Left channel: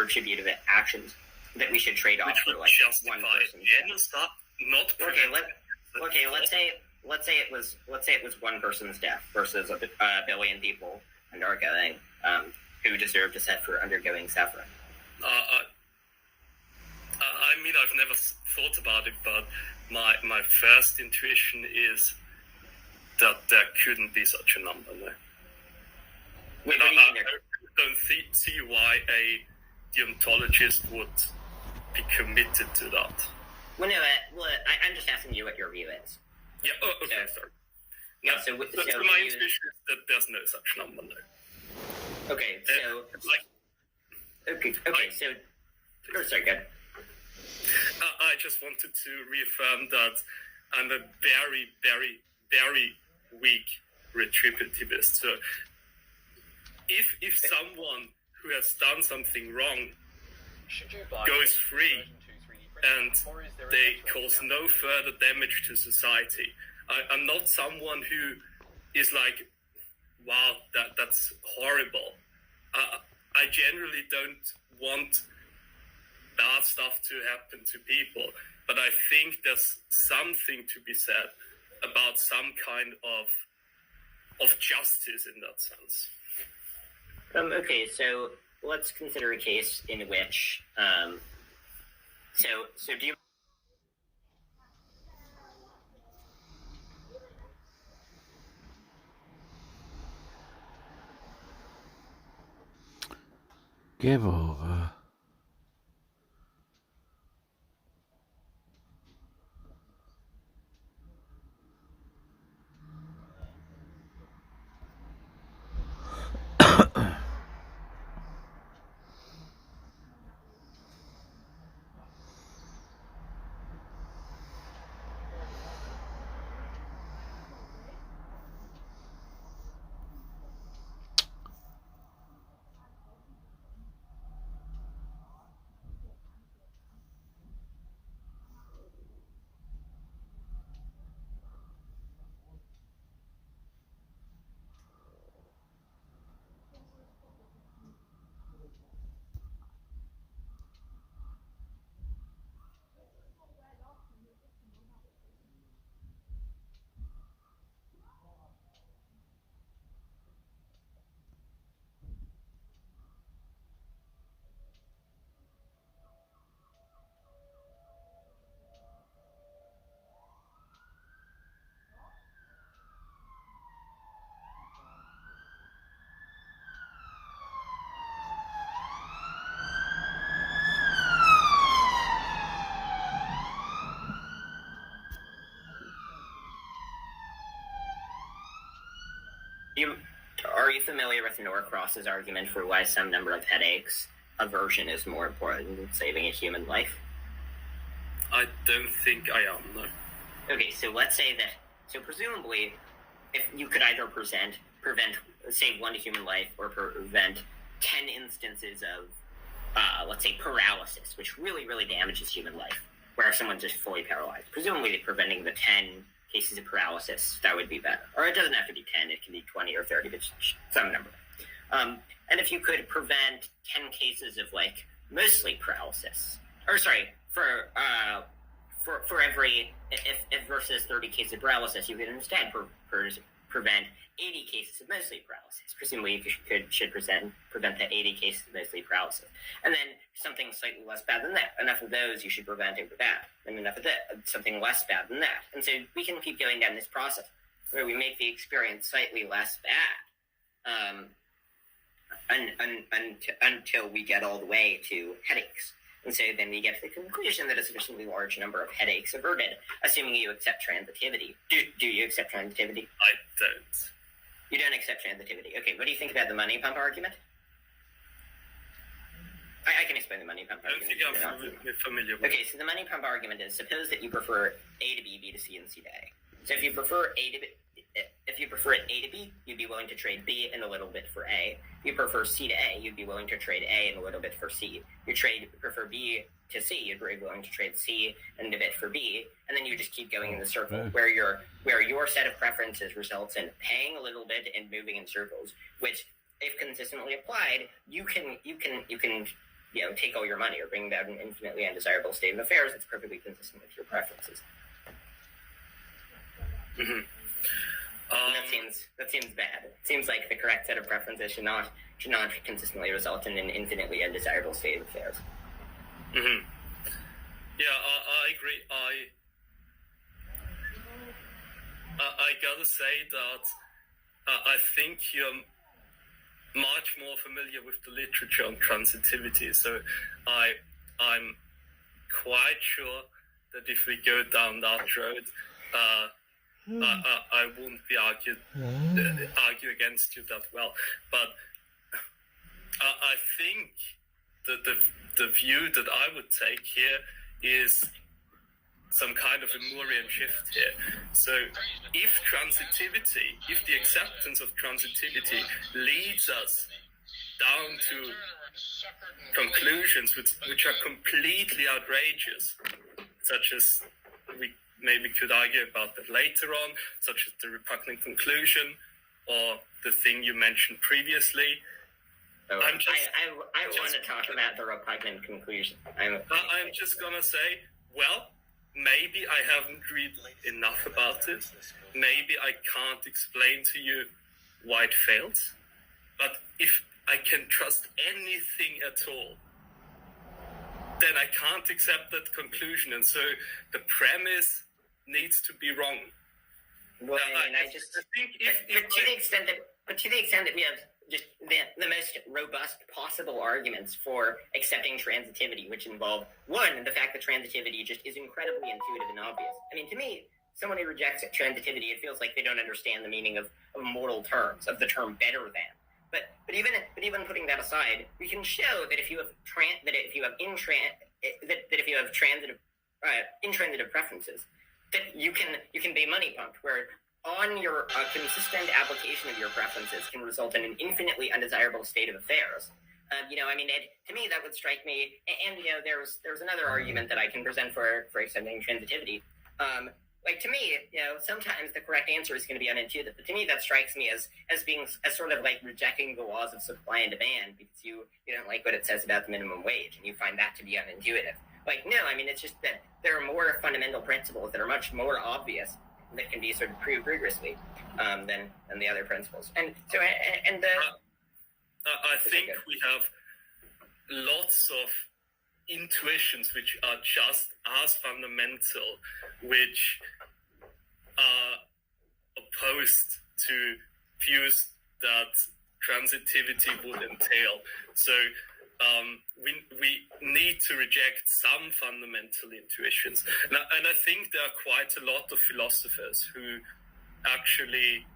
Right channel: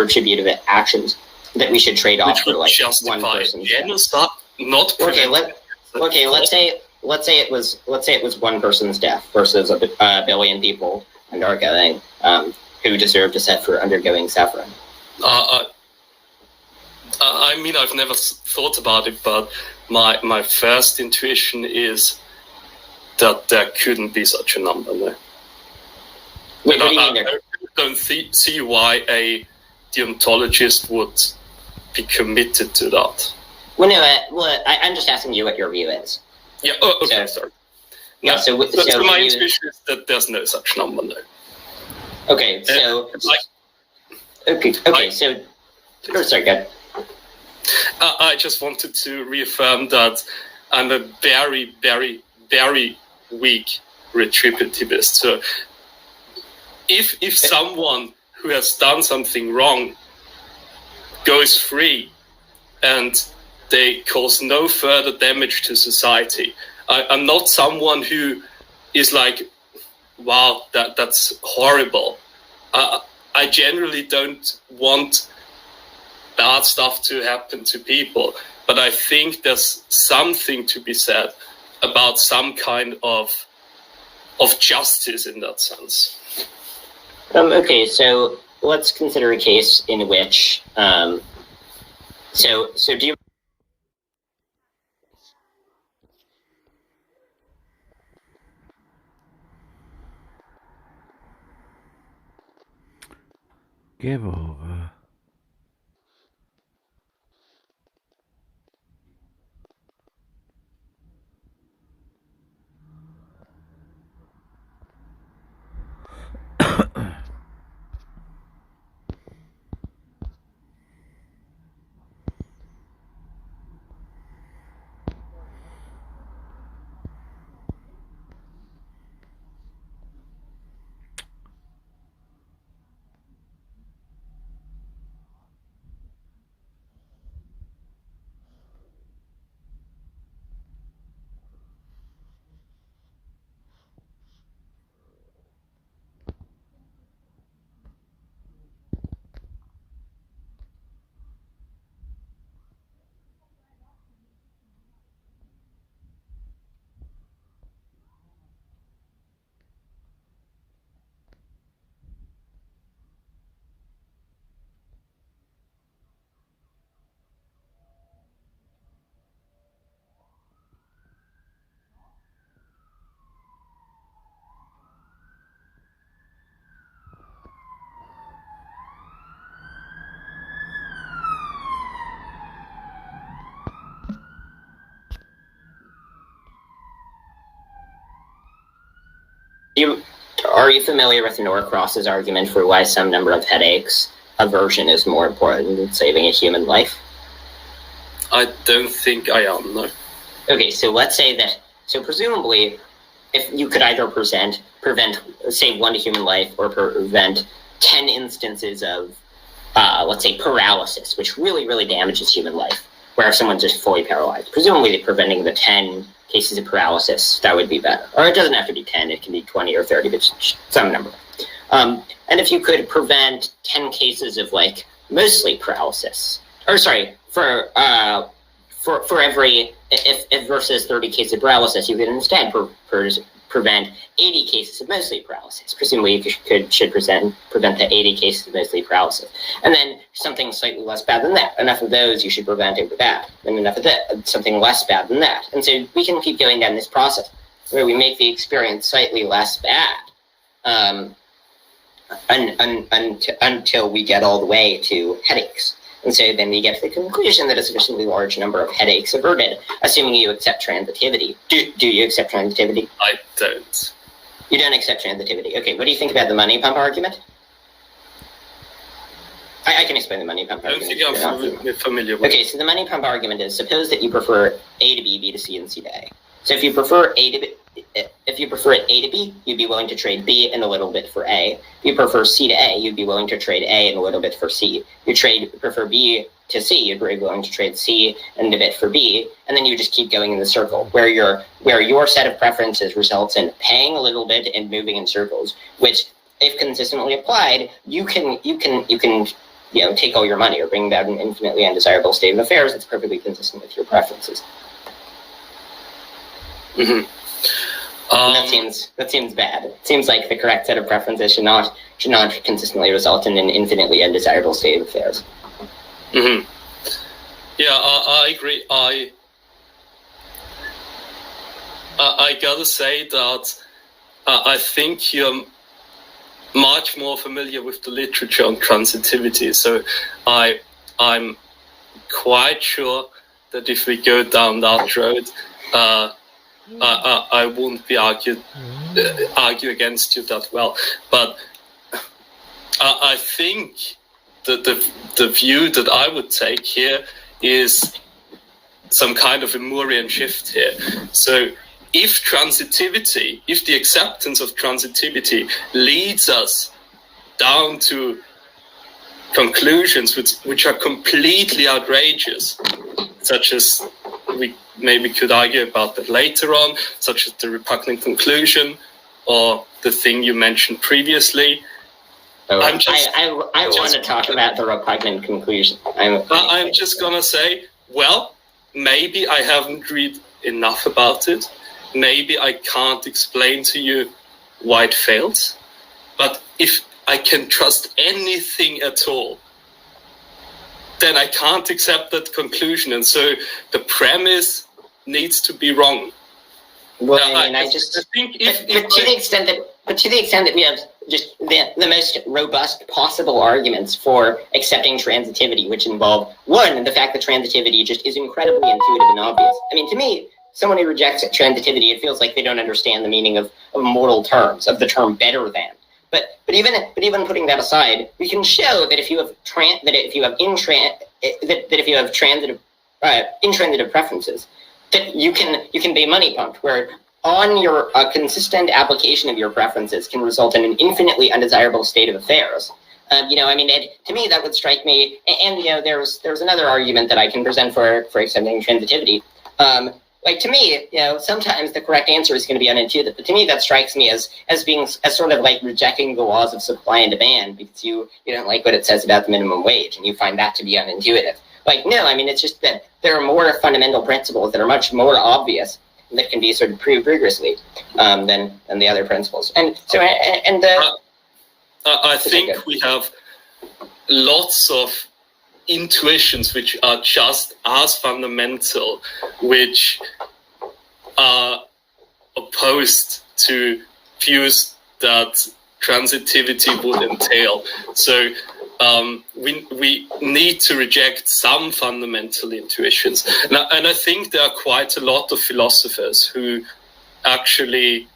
retributive actions that we should trade off for like one person. Let's say it was one person's death versus a billion people undergoing who deserve to set for undergoing suffering. I mean, I've never thought about it, but my first intuition is that there couldn't be such a number. No. Wait, what do you mean there? I don't see why a deontologist would be committed to that. Well, no, I'm just asking you what your view is. Yeah. Okay. Sorry. Yeah. So my intuition is that there's no such number. No. Okay. So. Sorry. Good. I just wanted to reaffirm that I'm a very, very, very weak retributivist. So if someone who has done something wrong goes free and they cause no further damage to society, I'm not someone who is like, wow, that's horrible. I generally don't want bad stuff to happen to people, but I think there's something to be said about some kind of justice in that sense. Okay, so let's consider a case in which so do you give over? Are you familiar with Norcross's argument for why some number of headaches aversion is more important than saving a human life? I don't think I am, no. Okay, so let's say that, so presumably, if you could either prevent, say, one human life or prevent 10 instances of, let's say, paralysis, which really, really damages human life, where if someone's just fully paralyzed, presumably preventing the 10 cases of paralysis, that would be better. Or it doesn't have to be 10, it can be 20 or 30, but some number. And if you could prevent 10 cases of, like, mostly paralysis, or sorry, for every, if versus 30 cases of paralysis, you could instead prevent 80 cases of mostly paralysis. Presumably you should prevent the 80 cases of mostly paralysis. And then something slightly less bad than that. Enough of those you should prevent over that. And enough of that, something less bad than that. And so we can keep going down this process where we make the experience slightly less bad until we get all the way to headaches. And so then we get to the conclusion that a sufficiently large number of headaches averted, assuming you accept transitivity. Do you accept transitivity? I don't. You don't accept transitivity. Okay, what do you think about the money pump argument? I can explain the money pump argument. I don't think I'm familiar with it. Okay, so the money pump argument is, suppose that you prefer A to B, B to C, and C to A. So if you prefer A to B, if you prefer it A to B, you'd be willing to trade B and a little bit for A. If you prefer C to A, you'd be willing to trade A and a little bit for C. You prefer B to C, you'd be willing to trade C and a bit for B, and then you just keep going in the circle where your set of preferences results in paying a little bit and moving in circles, which, if consistently applied, you can take all your money or bring about an infinitely undesirable state of affairs that's perfectly consistent with your preferences. Mm-hmm. That seems bad. It seems like the correct set of preferences should not consistently result in an infinitely undesirable state of affairs. Mm-hmm. Yeah, I agree. I gotta say that I think you're much more familiar with the literature on transitivity. So I'm quite sure that if we go down that road, I won't be argue against you that well. But I think that the view that I would take here is some kind of a Moorian shift here. So if the acceptance of transitivity leads us down to conclusions which are completely outrageous, such as we maybe could argue about that later on, such as the repugnant conclusion or the thing you mentioned previously. I want to talk about the repugnant conclusion. I'm just going to say, well, maybe I haven't read enough about it. Maybe I can't explain to you why it fails. But if I can trust anything at all, then I can't accept that conclusion. And so the premise needs to be wrong. Well, I think to the extent that we have just the most robust possible arguments for accepting transitivity, which involve, one, the fact that transitivity just is incredibly intuitive and obvious. I mean, to me, someone who rejects transitivity, it feels like they don't understand the meaning of mortal terms, of the term better than. But even putting that aside, we can show that if you have intransitive preferences, that you can be money pumped, where on your consistent application of your preferences can result in an infinitely undesirable state of affairs. To me, that would strike me. And there's another argument that I can present for accepting transitivity. To me, sometimes the correct answer is going to be unintuitive. But to me, that strikes me as sort of like rejecting the laws of supply and demand because you don't like what it says about the minimum wage and you find that to be unintuitive. It's just that there are more fundamental principles that are much more obvious that can be sort of proved rigorously than the other principles. And so, I think we have lots of intuitions which are just as fundamental, which are opposed to views that transitivity would entail. So we need to reject some fundamental intuitions. And I think there are quite a lot of philosophers who actually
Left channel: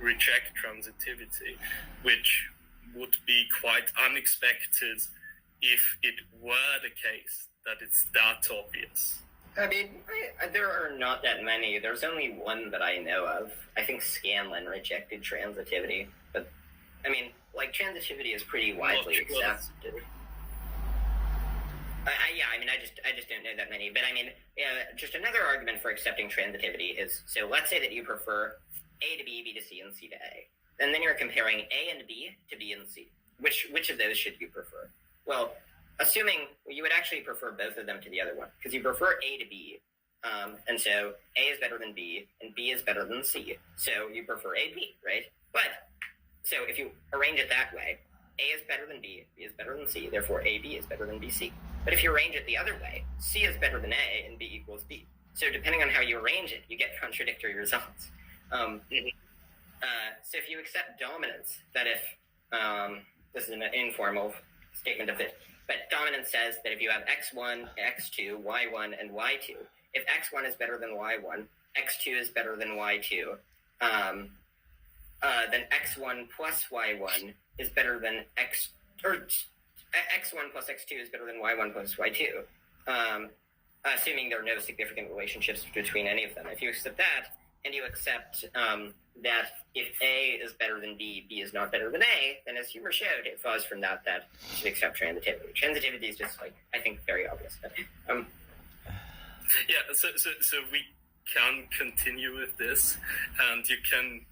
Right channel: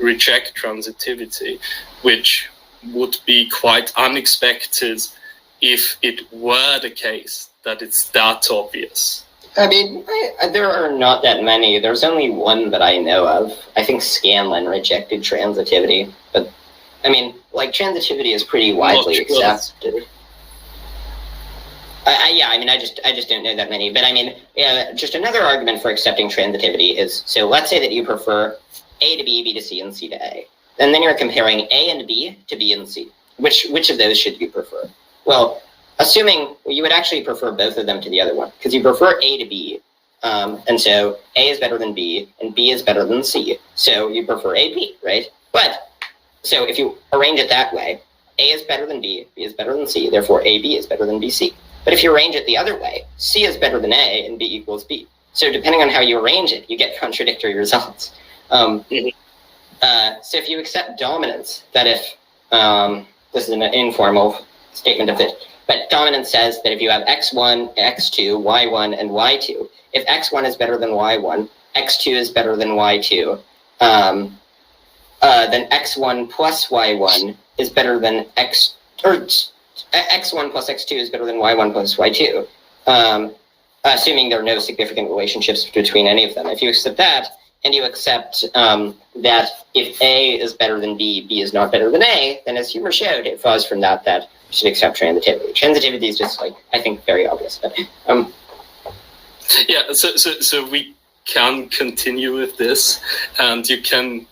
reject transitivity, which would be quite unexpected if it were the case that it's that obvious. There are not that many. There's only one that I know of. I think Scanlon rejected transitivity, but transitivity is pretty widely accepted. I just don't know that many. But just another argument for accepting transitivity is, so let's say that you prefer A to B, B to C, and C to A. And then you're comparing A and B to B and C. Which of those should you prefer? Well, assuming you would actually prefer both of them to the other one, because you prefer A to B, and so A is better than B, and B is better than C. So you prefer AB, right? But so if you arrange it that way, A is better than B, B is better than C, therefore AB is better than BC. But if you arrange it the other way, C is better than A, and B equals B. So depending on how you arrange it, you get contradictory results. So if you accept dominance, that if, this is an informal statement of it, but dominance says that if you have x1, x2, y1, and y2, if x1 is better than y1, x2 is better than y2, then x1 plus y1 is better than x1 plus x2 is better than y1 plus y2, assuming there are no significant relationships between any of them. If you accept that, and you accept that if A is better than B, B is not better than A, then as Huber showed, it follows from that you should accept transitivity. Transitivity is just I think very obvious. But, yeah, so we can continue with this, and you can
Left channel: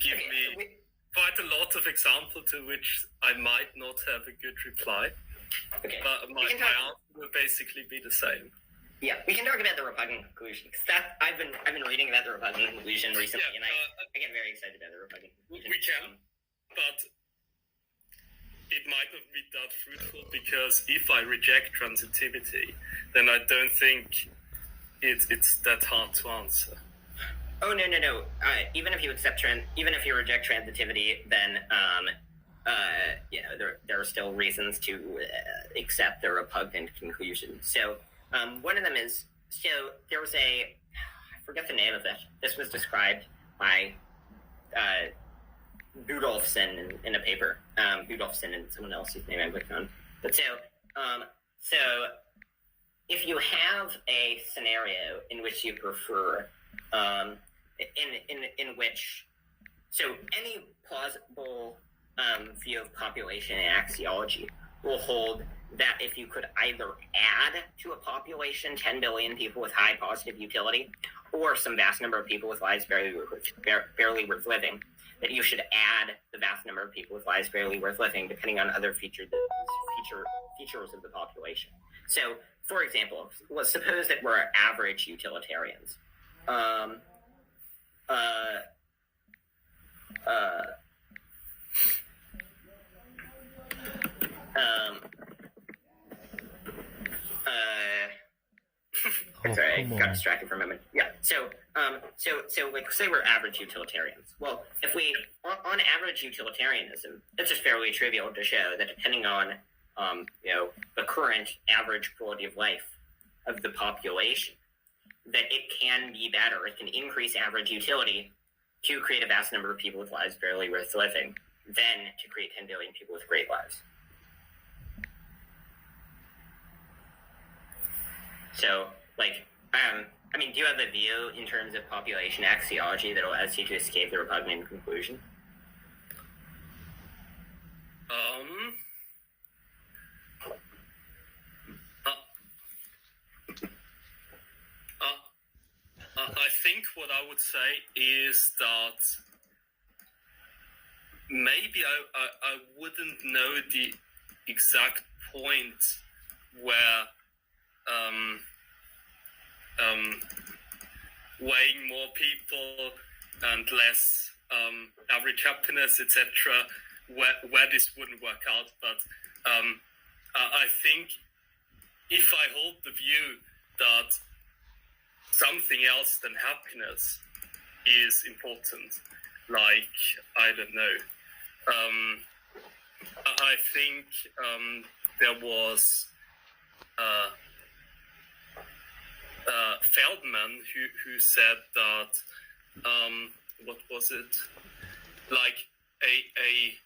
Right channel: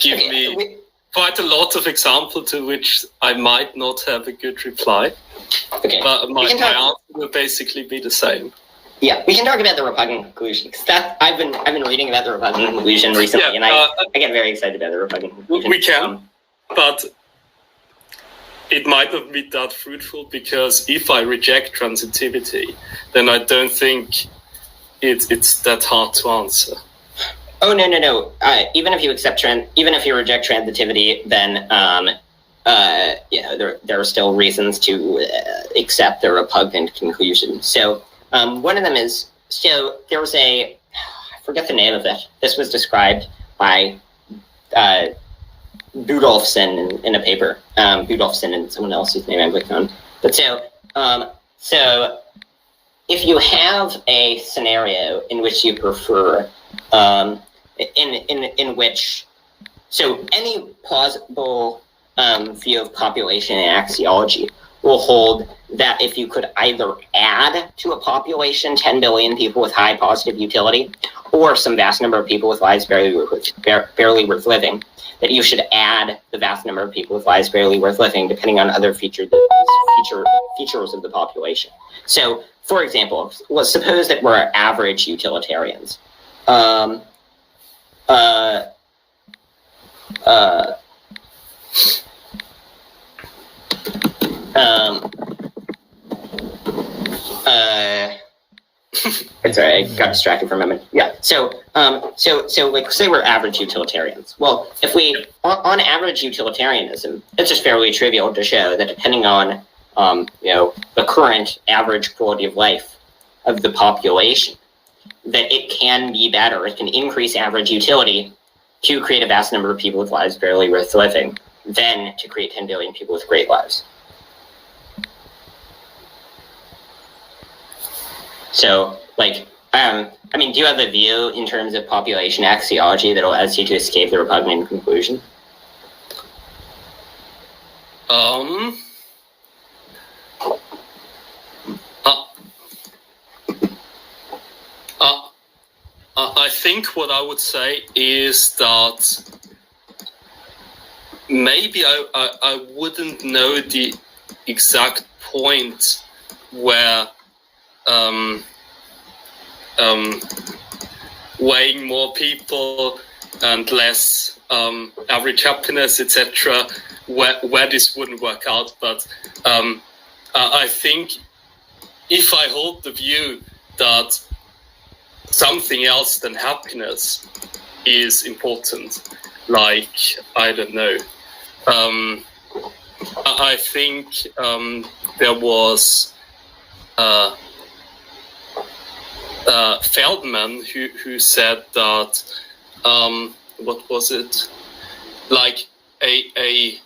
give me quite a lot of examples to which I might not have a good reply, Okay. but my We can talk- answer will basically be the same. Yeah, we can talk about the repugnant conclusion, because I've been reading about the repugnant conclusion recently, Yeah, and I get very excited about the repugnant conclusion. We can, but it might not be that fruitful, because if I reject transitivity, then I don't think it's that hard to answer. Oh no! Even if you reject transitivity, then there are still reasons to accept the repugnant conclusion. So one of them is, so there was I forget the name of it. This was described by Budolfsson in a paper. Budolfsson and someone else whose name I'm blanking on. But so if you have a scenario in which you prefer, in which, so any plausible view of population and axiology will hold that if you could either add to a population 10 billion people with high positive utility, or some vast number of people with lives barely worth living, that you should add the vast number of people with lives barely worth living, depending on other features of the population. So, for example, let's suppose that we're average utilitarians. Sorry, I got distracted for a moment. Yeah. So like, say we're average utilitarians. Well, if we on average utilitarianism, it's just fairly trivial to show that depending on the current average quality of life of the population, that it can be better. It can increase average utility to create a vast number of people with lives barely worth living than to create 10 billion people with great lives. So, like, do you have a view in terms of population axiology that allows you to escape the repugnant conclusion? I think what I would say is that maybe I wouldn't know the exact point where weighing more people and less average happiness, etc., where this wouldn't work out. But I think if I hold the view that something else than happiness is important, like, I don't know, I think there was Feldman who said that what was it, like a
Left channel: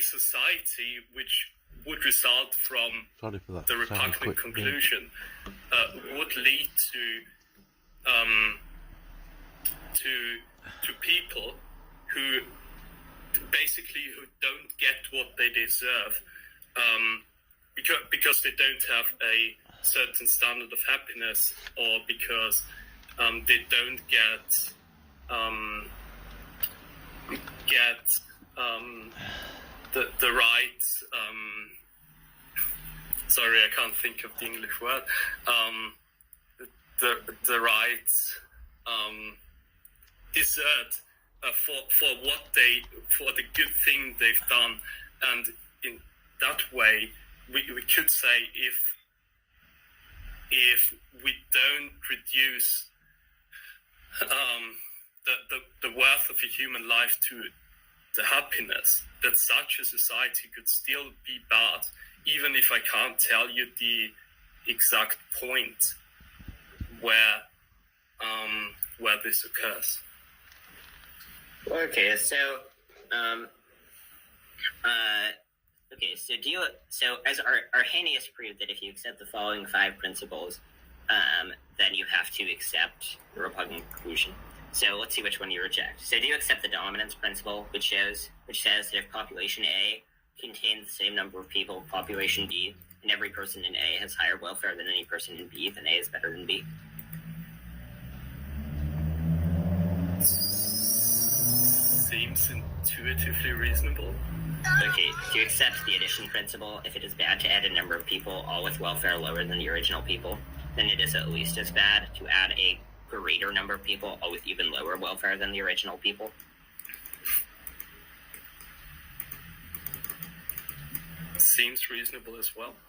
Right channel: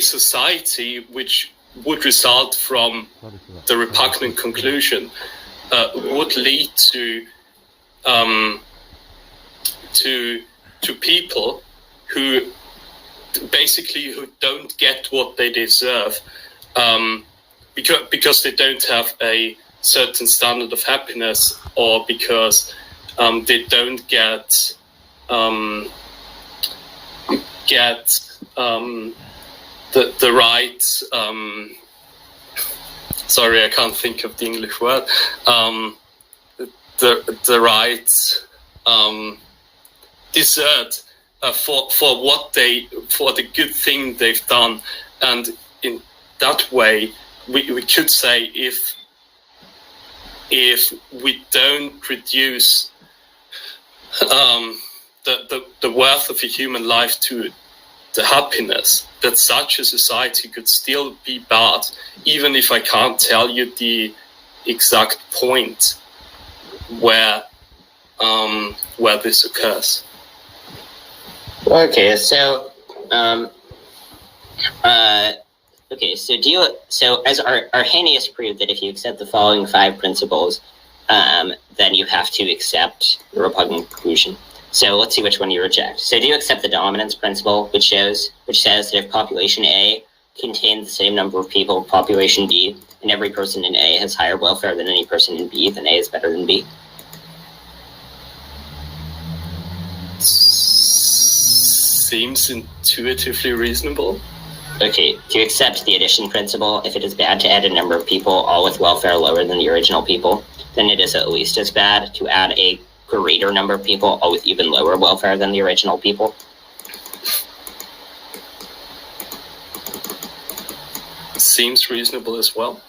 society which would result from the repugnant conclusion would lead to people who don't get what they deserve, because they don't have a certain standard of happiness, or because they don't get the right, sorry, I can't think of the English word, the right desert for the good thing they've done. And in that way, we could say if we don't reduce the worth of a human life to the happiness, that such a society could still be bad, even if I can't tell you the exact point where this occurs. Okay, so so as Arrhenius proved that if you accept the following 5 principles, then you have to accept the repugnant conclusion. So let's see which one you reject. So do you accept the dominance principle, which says that if population A contains the same number of people as population B, and every person in A has higher welfare than any person in B, then A is better than B? seems intuitively reasonable. Okay, to accept the addition principle, if it is bad to add a number of people, all with welfare lower than the original people, then it is at least as bad to add a greater number of people, all with even lower welfare than the original people. Seems reasonable as well.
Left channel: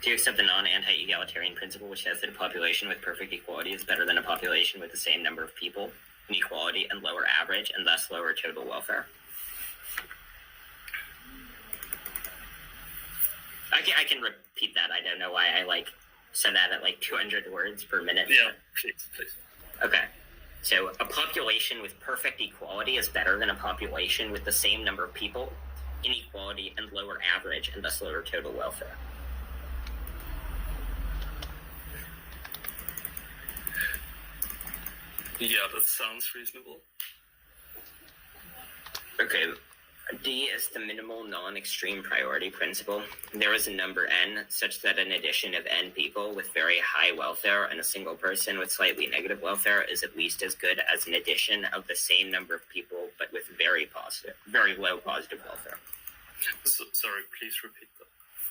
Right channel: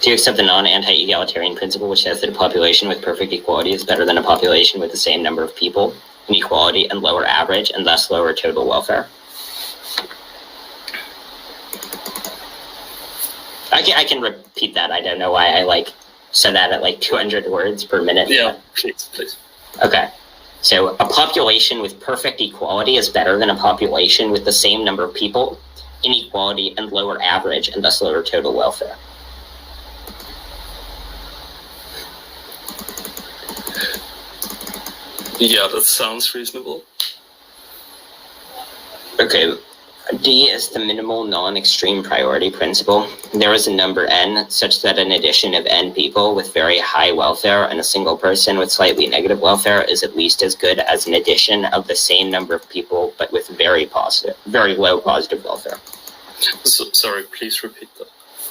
Do you accept the non-anti-egalitarian principle, which says that a population with perfect equality is better than a population with the same number of people, inequality, and lower average, and thus lower total welfare? I can repeat that. I don't know why I said that at 200 words per minute. Yeah, please. Okay. So a population with perfect equality is better than a population with the same number of people, inequality, and lower average, and thus lower total welfare. Yeah, that sounds reasonable. Okay. D is the minimal non-extreme priority principle. There is a number n such that an addition of n people with very high welfare and a single person with slightly negative welfare is at least as good as an addition of the same number of people but with very low positive welfare. Sorry, please repeat that.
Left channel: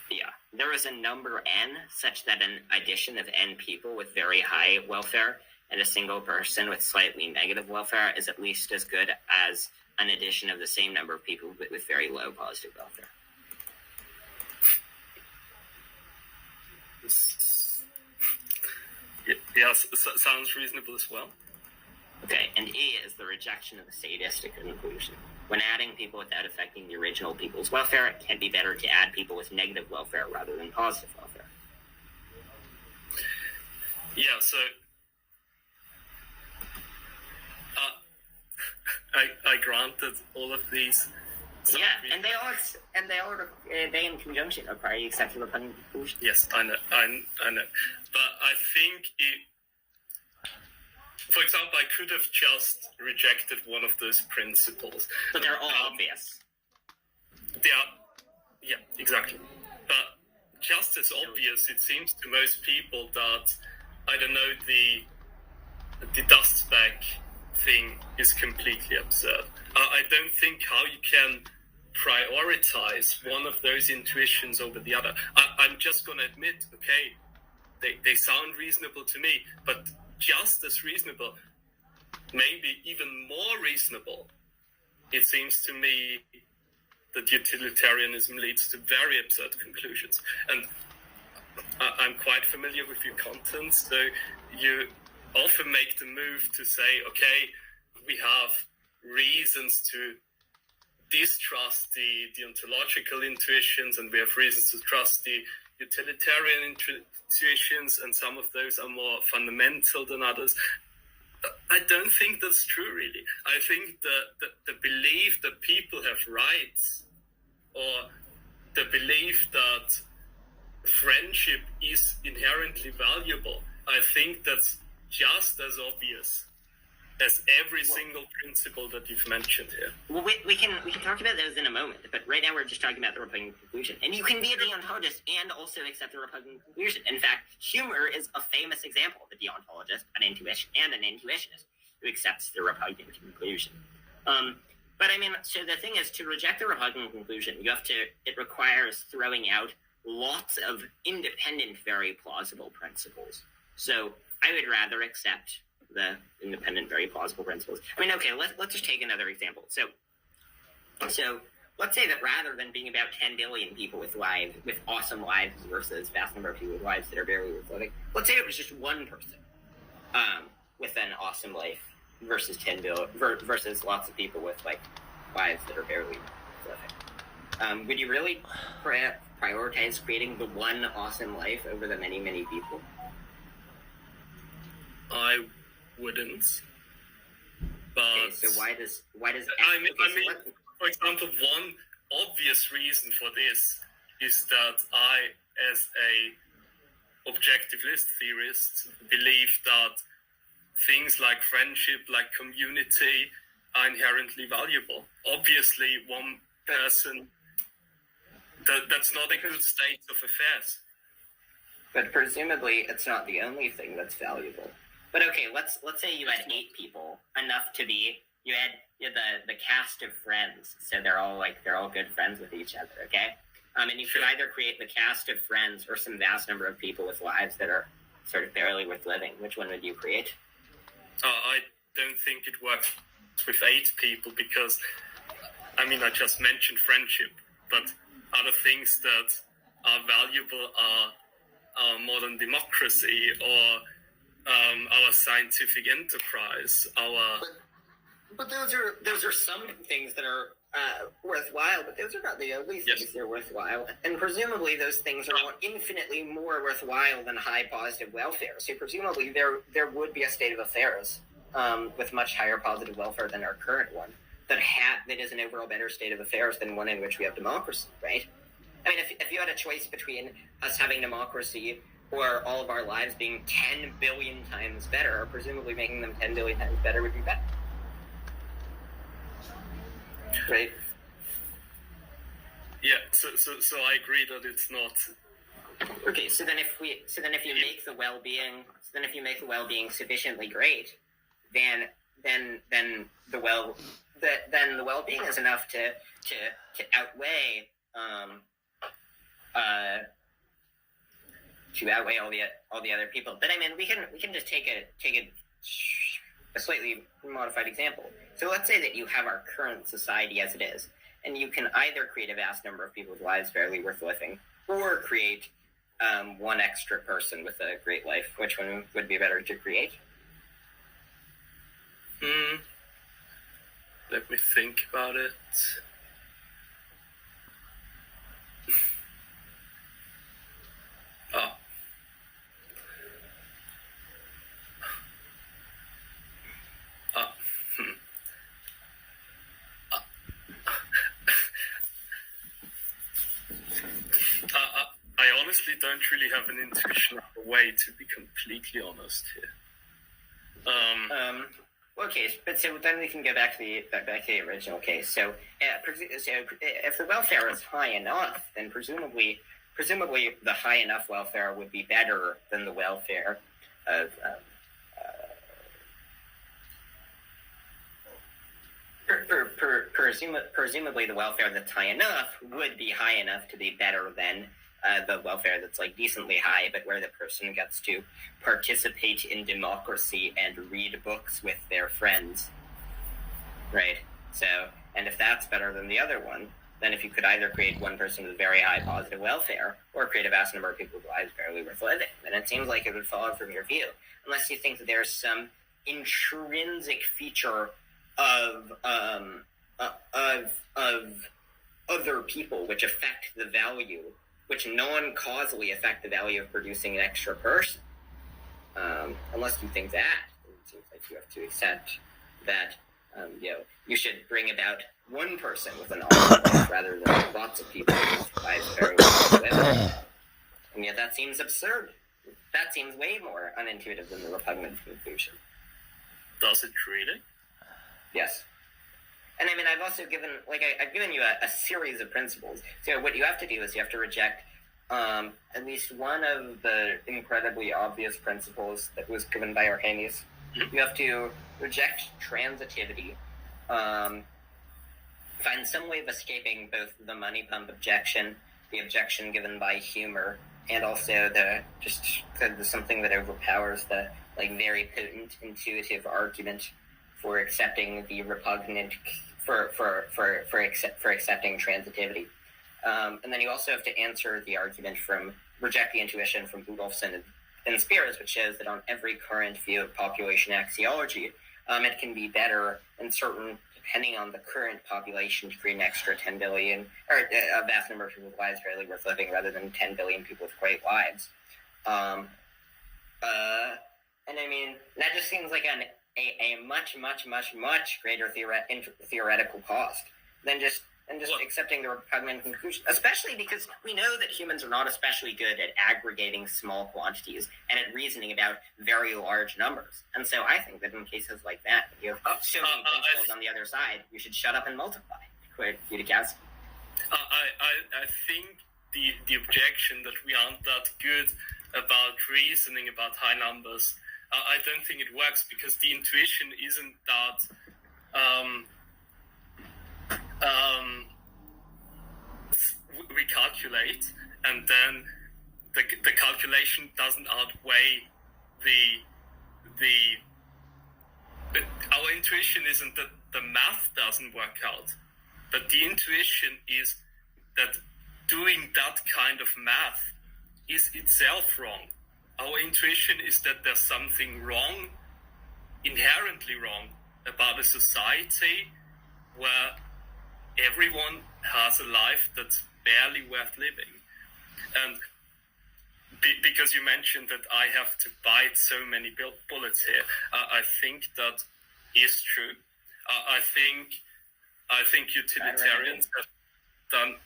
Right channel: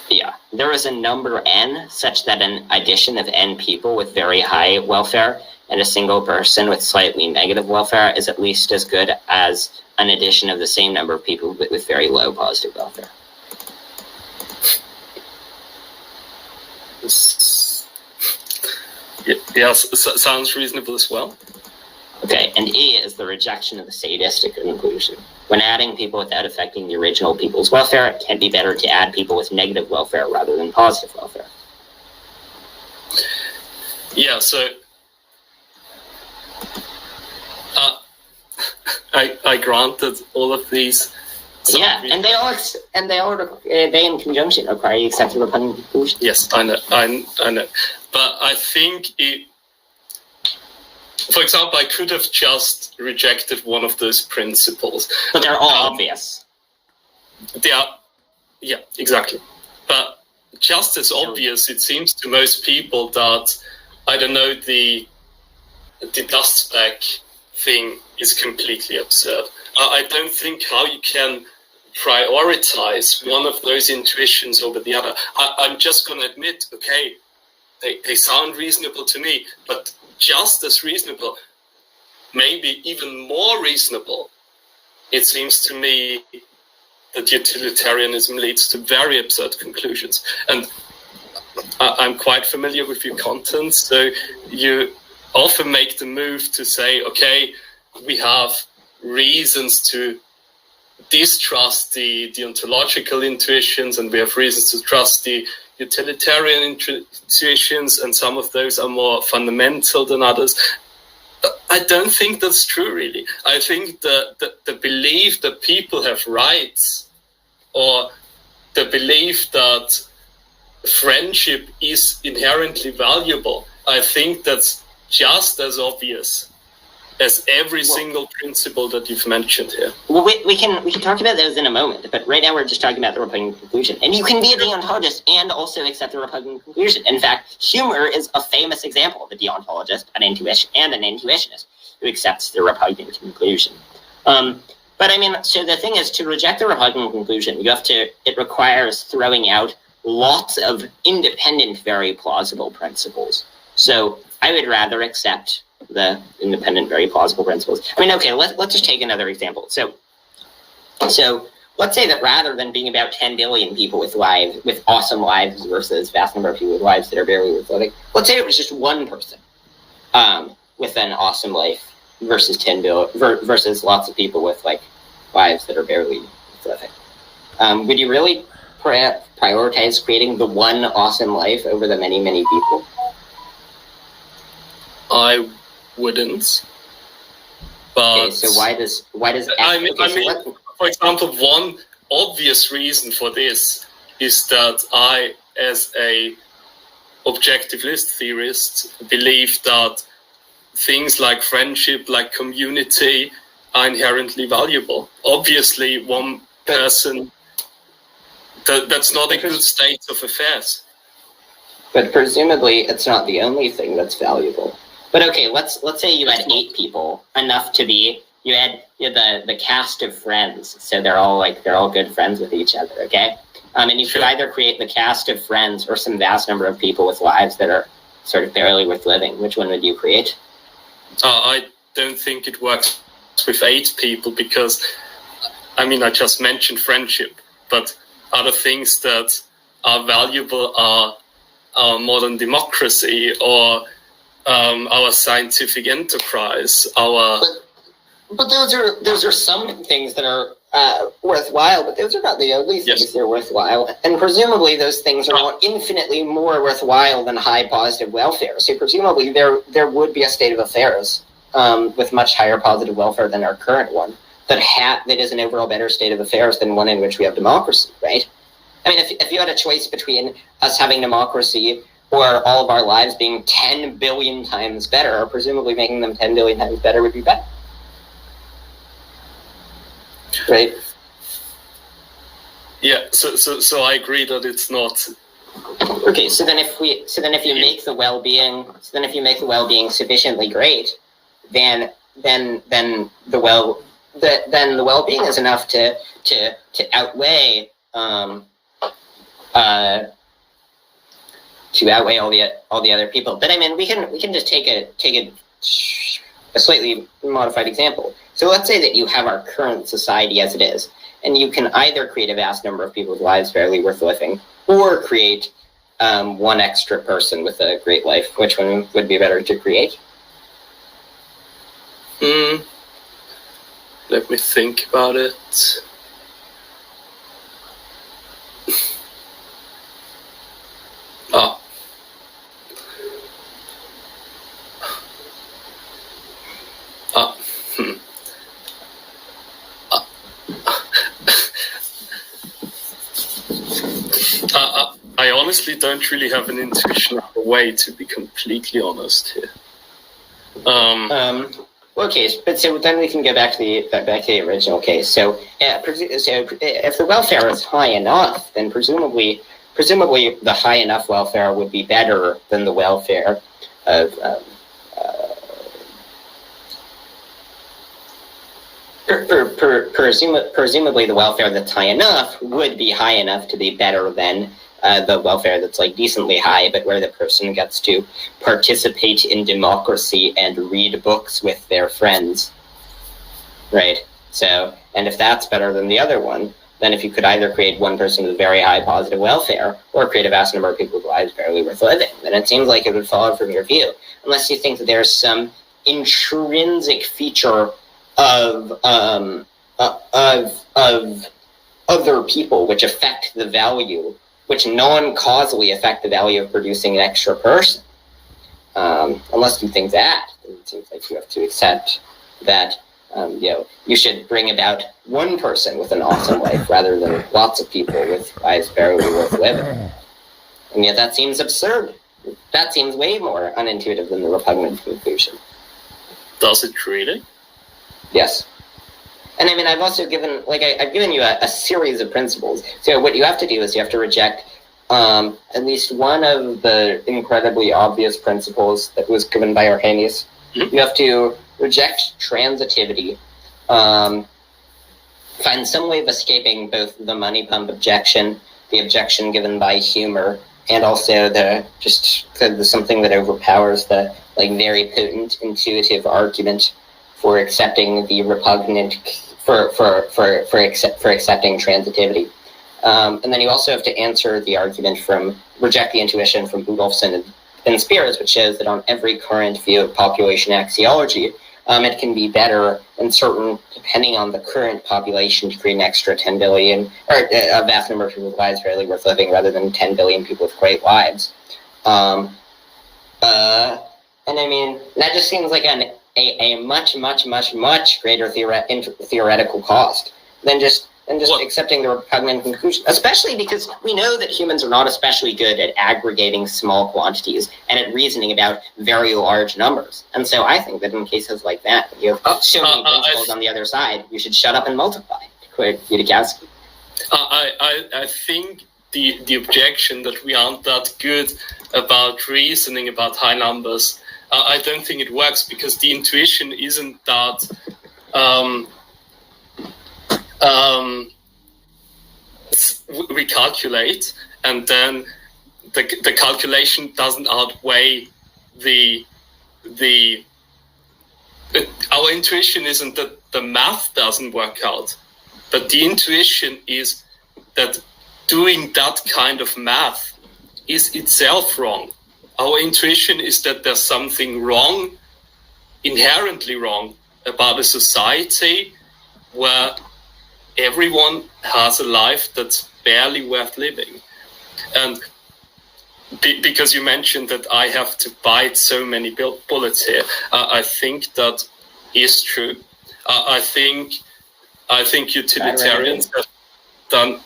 Yeah, there is a number n such that an addition of n people with very high welfare and a single person with slightly negative welfare is at least as good as an addition of the same number of people with very low positive welfare. Yes, sounds reasonable as well. Okay, and E is the rejection of the sadistic conclusion. When adding people without affecting the original people's welfare, it can be better to add people with negative welfare rather than positive welfare. Yeah, so I grant that all of these. Yeah, and they in conjunction require you accept the repugnant conclusion. Yes, I know, but I think for example, I could have just rejected one of those principles. But they're all obvious. They are, yeah, exactly. But just as obvious, it seems to most people that, I don't know, the dust speck thing is completely absurd. I don't think how you can prioritize one of those intuitions over the other. I'm just going to admit, okay, they sound reasonable to me, but just as reasonable, maybe even more reasonable, it seems to me that utilitarianism leads to very absurd conclusions. And I'm quite familiar with your content, so you often make the move to say, okay, we have reasons to distrust the ontological intuitions, and we have reasons to trust the utilitarian intuitions, and some of those are more fundamental than others. I don't think that's true, really. I think the belief that people have rights, or the belief that friendship is inherently valuable, I think that's just as obvious as every single principle that you've mentioned here. Well, we can talk about those in a moment, but right now we're just talking about the repugnant conclusion. And you can be a deontologist and also accept the repugnant conclusion. In fact, Humer is a famous example of a deontologist, an intuitionist who accepts the repugnant conclusion. But I mean, so the thing is, to reject the repugnant conclusion, it requires throwing out lots of independent, very plausible principles. So I would rather accept the independent, very plausible principles. I mean, okay, let's just take another example. So let's say that rather than being about 10 billion people with awesome lives versus vast number of people with lives that are barely worth living, let's say it was just one person with an awesome life versus 10 billion versus lots of people with lives that are barely worth living. Would you really prioritize creating the one awesome life over the many, many people? I wouldn't. But okay, so why does I mean, for example, one obvious reason for this is that I, as a objectivist theorist, believe that things like friendship, like community, are inherently valuable. Obviously, one person, that's not a good state of affairs. But presumably, it's not the only thing that's valuable. But okay, let's say you had 8 people, enough to be you had the cast of friends, so they're all good friends with each other, okay? And you could either create the cast of friends or some vast number of people with lives that are sort of barely worth living. Which one would you create? I don't think it works with 8 people because, I mean, I just mentioned friendship, but other things that are valuable are our modern democracy or our scientific enterprise, our... But those are some things that are worthwhile, but those are not the only things that are worthwhile. And presumably those things are infinitely more worthwhile than high positive welfare. So presumably there would be a state of affairs with much higher positive welfare than our current one that is an overall better state of affairs than one in which we have democracy, right? I mean, if you had a choice between us having democracy or all of our lives being 10 billion times better, presumably making them 10 billion times better would be better. Right. Yeah. So I agree that it's not. Okay. So then if you make the well-being sufficiently great, then the well-being is enough to outweigh all the other people. But I mean, we can just take a slightly modified example. So let's say that you have our current society as it is, and you can either create a vast number of people's lives barely worth living, or create one extra person with a great life. Which one would be better to create? Let me think about it. I honestly don't really have an intuition of the way, to be completely honest here. Okay, but so then we can go back to the original case. So if the welfare is high enough, then presumably the high enough welfare would be better than the welfare of presumably the welfare that's high enough would be high enough to be better than the welfare that's like decently high, but where the person gets to participate in democracy and read books with their friends, right? So, and if that's better than the other one, then if you could either create one person with very high positive welfare or create a vast number of people's lives barely worth living, then it seems like it would follow from your view, unless you think that there's some intrinsic feature of other people which affect the value, which non-causally affect the value of producing an extra person. Unless you think that, then it seems like you have to accept that you should bring about one person with an awesome life rather than lots of people with lives barely worth living. And yet that seems absurd. That seems way more unintuitive than the repugnant conclusion. Does it really? Yes. And I mean, I've also given, I've given you a series of principles. So what you have to do is you have to reject at least one of the incredibly obvious principles that was given by Arrhenius. Mm-hmm. You have to reject transitivity, find some way of escaping both the money pump objection, the objection given by humor, and also the something that overpowers the very potent intuitive argument for accepting the repugnant for accepting transitivity. And then you also have to answer the argument reject the intuition from Budolfsson and Spears, which shows that on every current view of population axiology, it can be better and certain, depending on the current population, to create an extra 10 billion, or a vast number of people's lives barely worth living, rather than 10 billion people with great lives. And I mean, that just seems like a much, much, much, much greater theoretical cost than just accepting the repugnant conclusion, especially because we know that humans are not especially good at aggregating small quantities and at reasoning about very large numbers. And so I think that in cases like that, when you have so many principles on the other side, you should shut up and multiply, to quote Yudikowsky. I think the objection that we aren't that good about reasoning about high numbers, I don't think it works, because the intuition isn't that we calculate, and then the calculation doesn't outweigh the our intuition isn't that the math doesn't work out, but the intuition is that doing that kind of math is itself wrong. Our intuition is that there's something wrong, inherently wrong, about a society where everyone has a life that's barely worth living. And because you mentioned that I have to bite so many bullets here, I think that is true. I think utilitarians have done.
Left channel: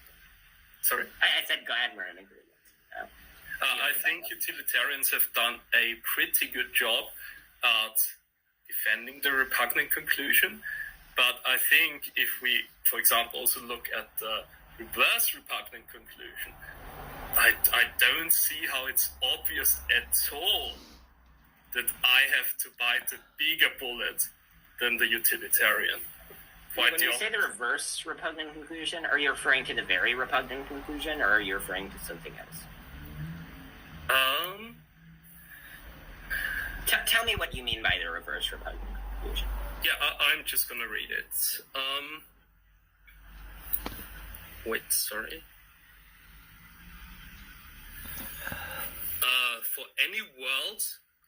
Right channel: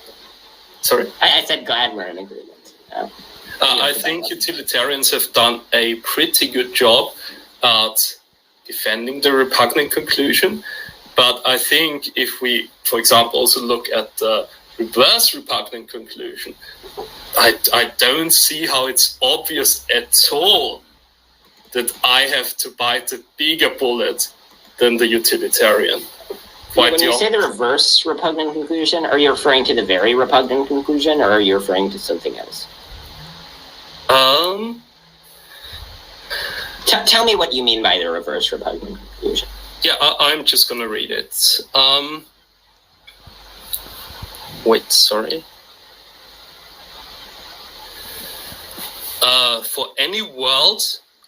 Sorry, I said glad we're in agreement. I think utilitarians have done a pretty good job at defending the repugnant conclusion. But I think if we, for example, also look at the reverse repugnant conclusion, I don't see how it's obvious at all that I have to bite a bigger bullet than the utilitarian. When you say the reverse repugnant conclusion, are you referring to the very repugnant conclusion, or are you referring to something else? Tell me what you mean by the reverse repugnant conclusion. Yeah, I'm just going to read it. Wait, sorry. For any world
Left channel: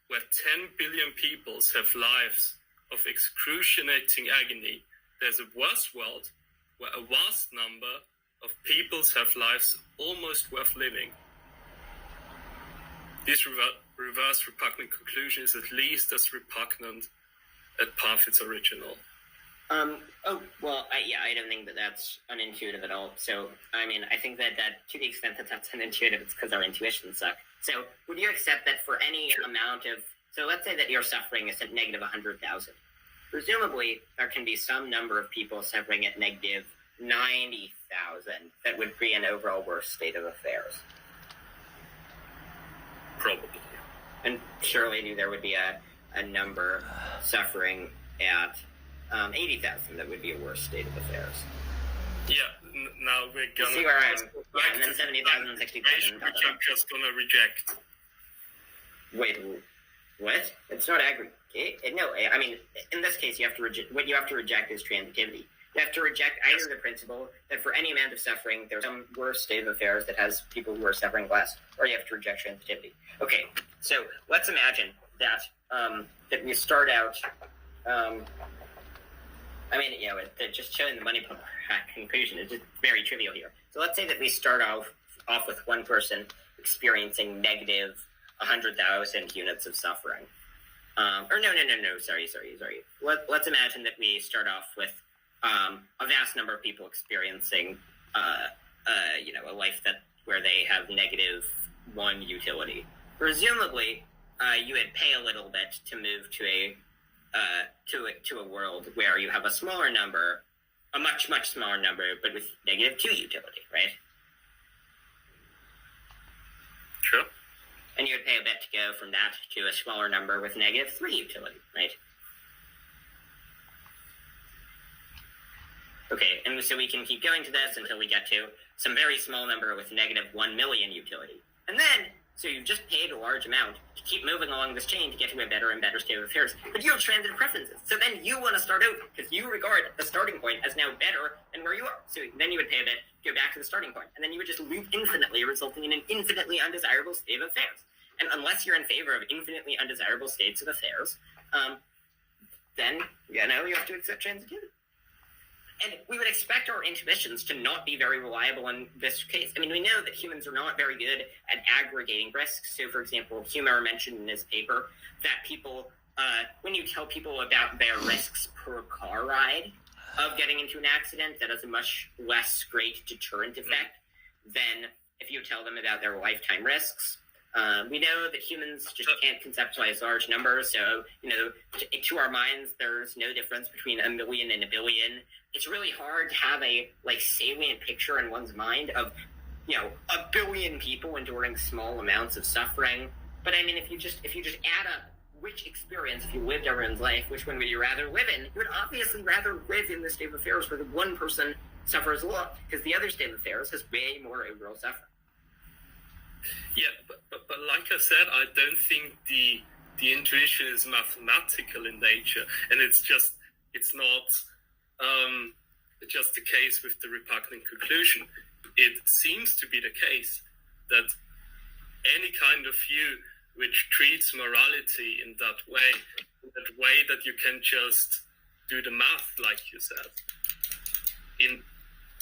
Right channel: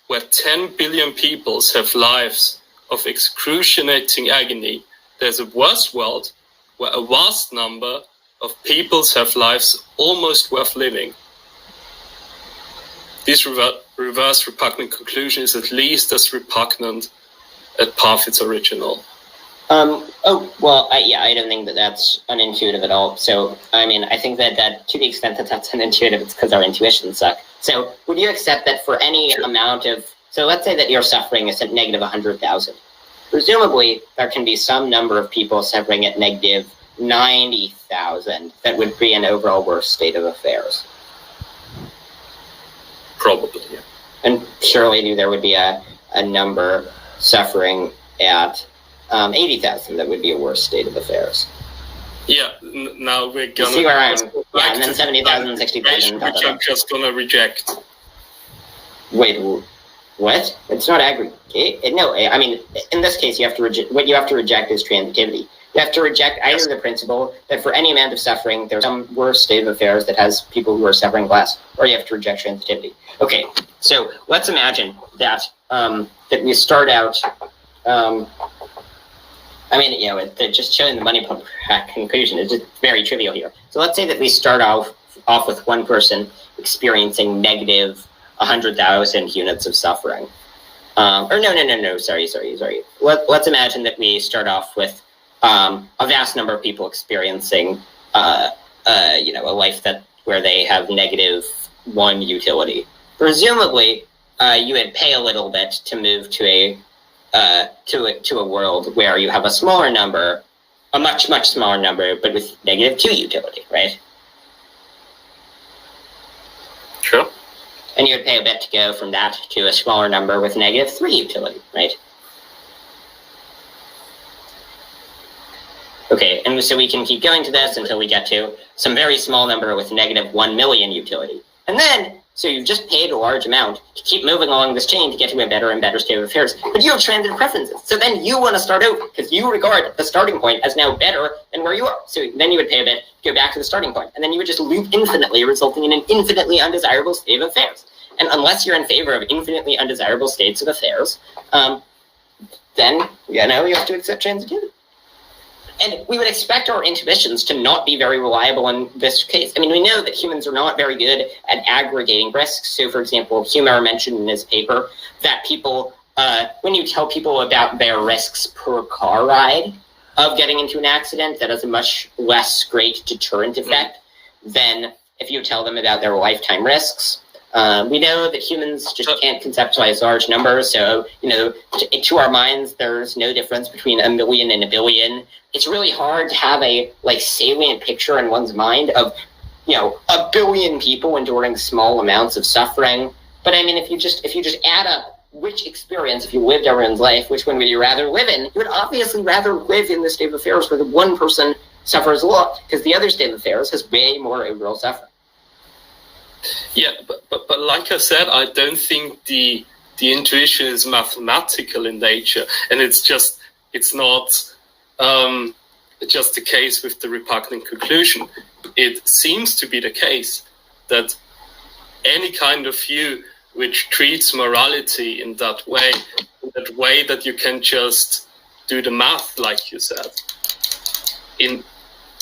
where 10 billion peoples have lives of excruciating agony, there's a worse world where a vast number of peoples have lives almost worth living. This reverse repugnant conclusion is at least as repugnant as Parfit's original. I don't think that that's unintuitive at all. So, I mean, I think that to the extent that that's unintuitive, it's because our intuitions suck. So, would you accept that for any amount of, so let's say that your suffering is at negative 100,000. Presumably, there can be some number of people suffering at negative 90,000 that would be an overall worse state of affairs. Probably, yeah. And surely there would be a number suffering at 80,000 that would be a worse state of affairs. Yeah, now we're gonna see where I'm. Yeah, and then 70,000, 60,000. Which I'm just gonna reject. Wait, what? It's not aggregate. No, I mean, in this case, you have to reject. What you have to reject is transitivity. You have to reject either the principle that for any amount of suffering, there's some worse state of affairs that has people who are suffering less, or you have to reject transitivity. Okay, so let's imagine that that we start out. Just showing the money pump conclusion is just very trivial here. So let's say that we start off with one person experiencing negative 100,000 units of suffering. Sorry. Let's imagine that we start off with a vast number of people experiencing, a life where they have negative 1 utility. Presumably, you would pay a little bit to move to a world where you have a smaller number, a much, much smaller number, but with negative 2 utility, right? Sure. And you would pay a bit to go from that to a smaller number with negative 3 utility, right? Okay, and so we can keep going to this until we get to some very small number with negative 1 million utility. And then, so you've just paid a large amount to keep moving along this chain to get to a better and better state of affairs, but you have transitive preferences. So then you want to start over because you regard the starting point as now better than where you are. So then you would pay a bit to go back to the starting point, and then you would just loop infinitely, resulting in an infinitely undesirable state of affairs. And unless you're in favor of infinitely undesirable states of affairs, then, you have to accept transitivity. And we would expect our intuitions to not be very reliable in this case. I mean, we know that humans are not very good at aggregating risks. So, for example, Humer mentioned in his paper that people, when you tell people about their risks per car ride of getting into an accident, that has a much less great deterrent effect than if you tell them about their lifetime risks. We know that humans just can't conceptualize large numbers. So, to our minds, there's no difference between a million and a billion. It's really hard to have a salient picture in one's mind of, a billion people enduring small amounts of suffering. But I mean, if you just add up which experience, if you lived everyone's life, which one would you rather live in? You would obviously rather live in the state of affairs where the one person suffers a lot, because the other state of affairs has way more overall suffering. Yeah, but like I said, I don't think the intuition is mathematical in nature, and it's not just the case with the repugnant conclusion. It seems to be the case that any kind of view which treats morality in that way that you can just do the math, like you said, in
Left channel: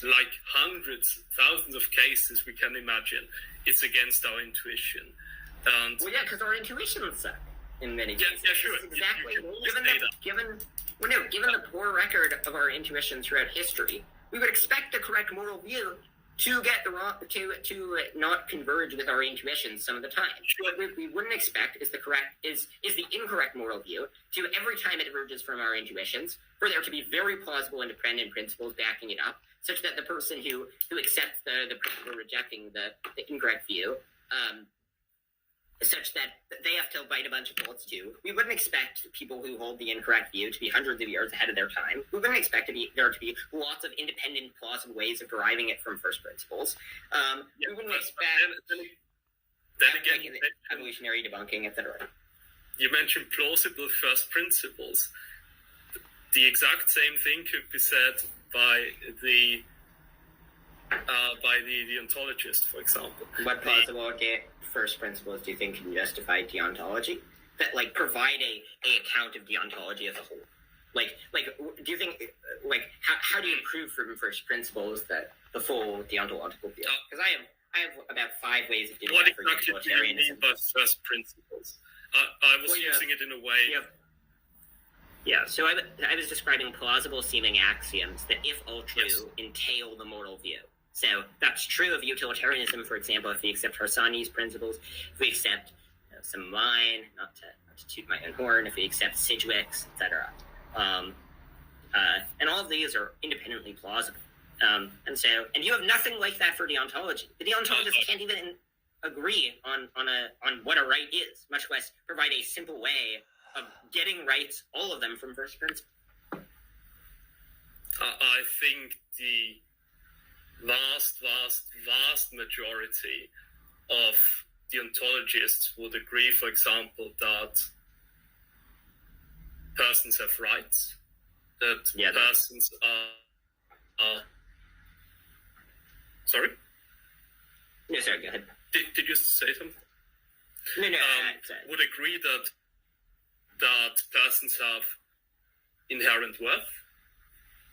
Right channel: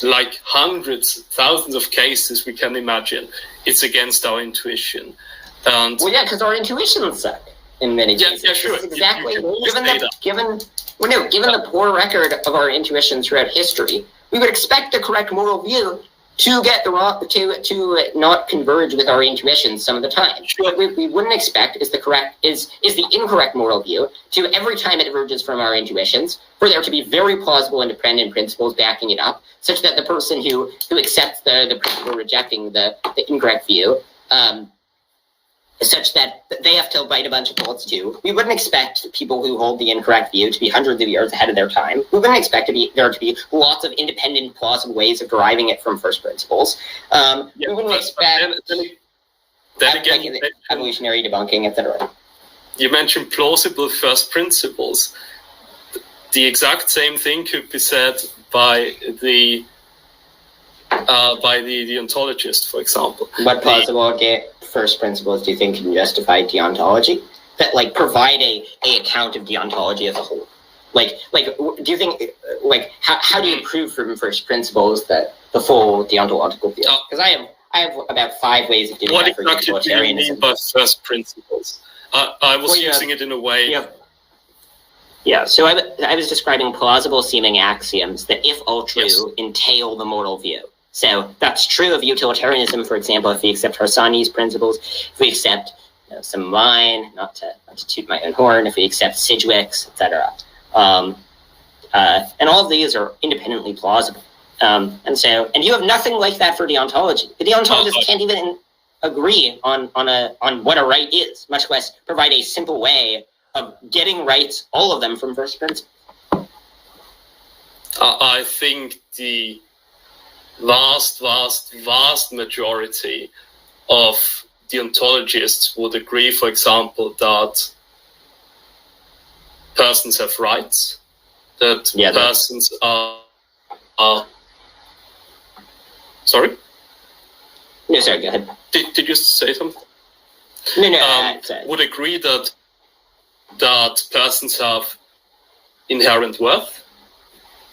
like hundreds, thousands of cases we can imagine, it's against our intuition. And well, yeah, because our intuitions suck in many cases. Yeah, sure. Exactly. You Given the poor record of our intuition throughout history, we would expect the correct moral view to get the wrong, to not converge with our intuitions some of the time. Sure. What we wouldn't expect is the incorrect moral view to, every time it diverges from our intuitions, for there to be very plausible independent principles backing it up, such that the person who accepts the principle rejecting the incorrect view, such that they have to bite a bunch of bullets too. We wouldn't expect people who hold the incorrect view to be hundreds of years ahead of their time. We wouldn't expect there to be lots of independent, plausible ways of deriving it from first principles. We wouldn't expect then again, evolutionary debunking, etc. You mentioned plausible first principles. The exact same thing could be said by the deontologist, for example. What plausible first principles do you think can justify deontology? That provide a account of deontology as a whole. Do you think how do you prove from first principles that the full deontological view? Because I have about 5 ways of doing what that for exactly utilitarianism. do you mean by first principles? I was using it in a way. Yeah, so I was describing plausible seeming axioms that, if all true, Yes. entail the moral view. So that's true of utilitarianism, for example, if we accept Harsanyi's principles, if we accept some of mine, not to toot my own horn, if we accept Sidgwick's, etc. And all of these are independently plausible. And you have nothing like that for deontology. The deontologists can't even agree on what a right is, much less provide a simple way of getting rights, all of them, from first principles. I think the vast majority of deontologists would agree, for example, that persons have rights, that persons are sorry? No, sorry, go ahead. Did you say something? No, would agree that persons have inherent worth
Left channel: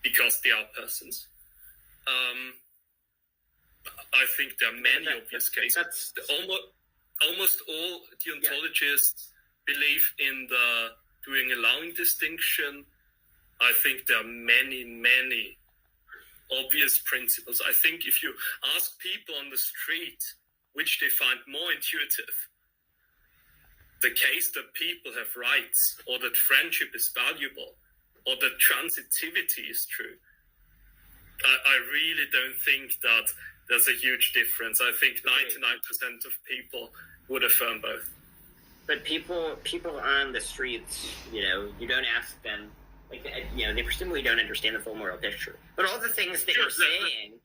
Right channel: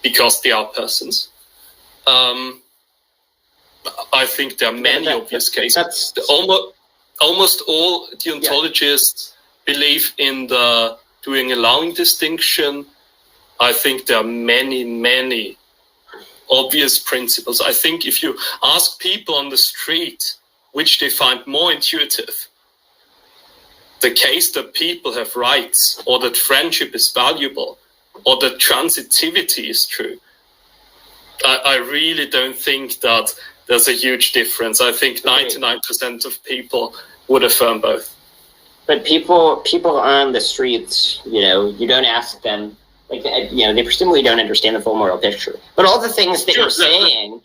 because they are persons. I think there are many obvious cases. Almost all deontologists believe in the doing allowing distinction. I think there are many obvious principles. I think if you ask people on the street which they find more intuitive, the case that people have rights, or that friendship is valuable, or that transitivity is true, I really don't think that there's a huge difference. I think 99% of people would affirm both. But people on the streets, you don't ask them, they presumably don't understand the full moral picture. But all the things that you're saying,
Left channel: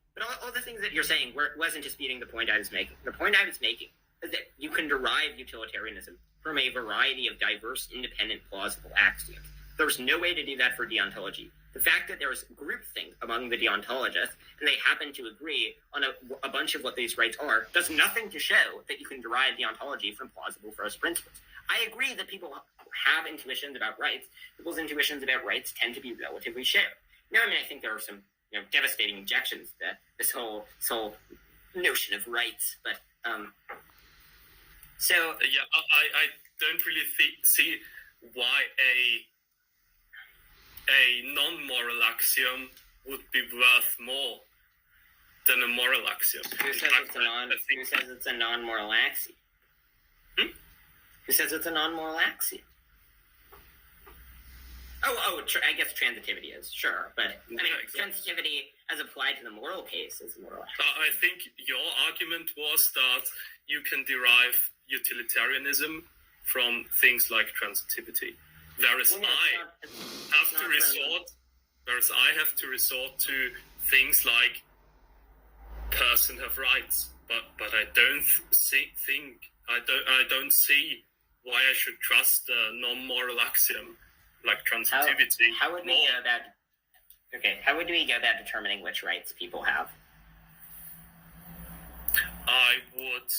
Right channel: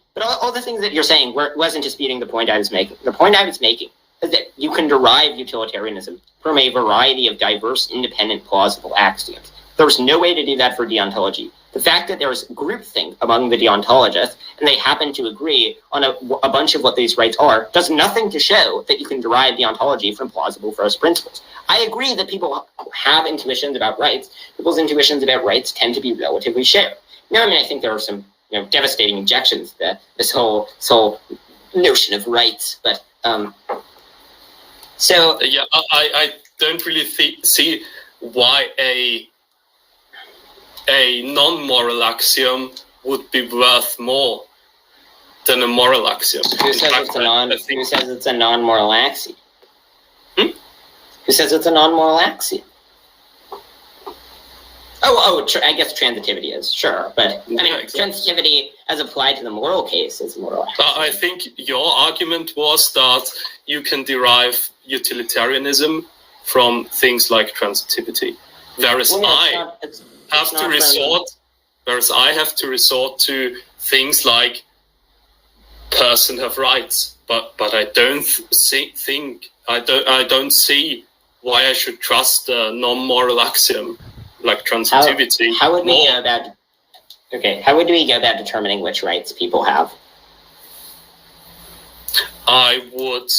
wasn't disputing the point I was making. The point I was making is that you can derive utilitarianism from a variety of diverse, independent, plausible axioms. There's no way to do that for deontology. The fact that there's groupthink among the deontologists, and they happen to agree on a bunch of what these rights are, does nothing to show that you can derive deontology from plausible first principles. I agree that people have intuitions about rights. People's intuitions about rights tend to be relatively shared. I think there are some devastating objections to this whole notion of rights, but I don't really see why a non-moral axiom would be worth more than a moral axiom. Who says it's a non-moral axiom? Who says it's a non-moral axiom? I guess transitivity is, sure. But, exactly. Transitivity, as applied to the moral case, is moral axiom. I think your argument was that you can derive utilitarianism from things like transitivity. Whereas Well, no, I it's have not to from- resort, to things like person have rights, but I don't see why I should trust a non-moral axiom like transitivity. How would we more. go about? Okay, how would we go about determining which rights people have? I would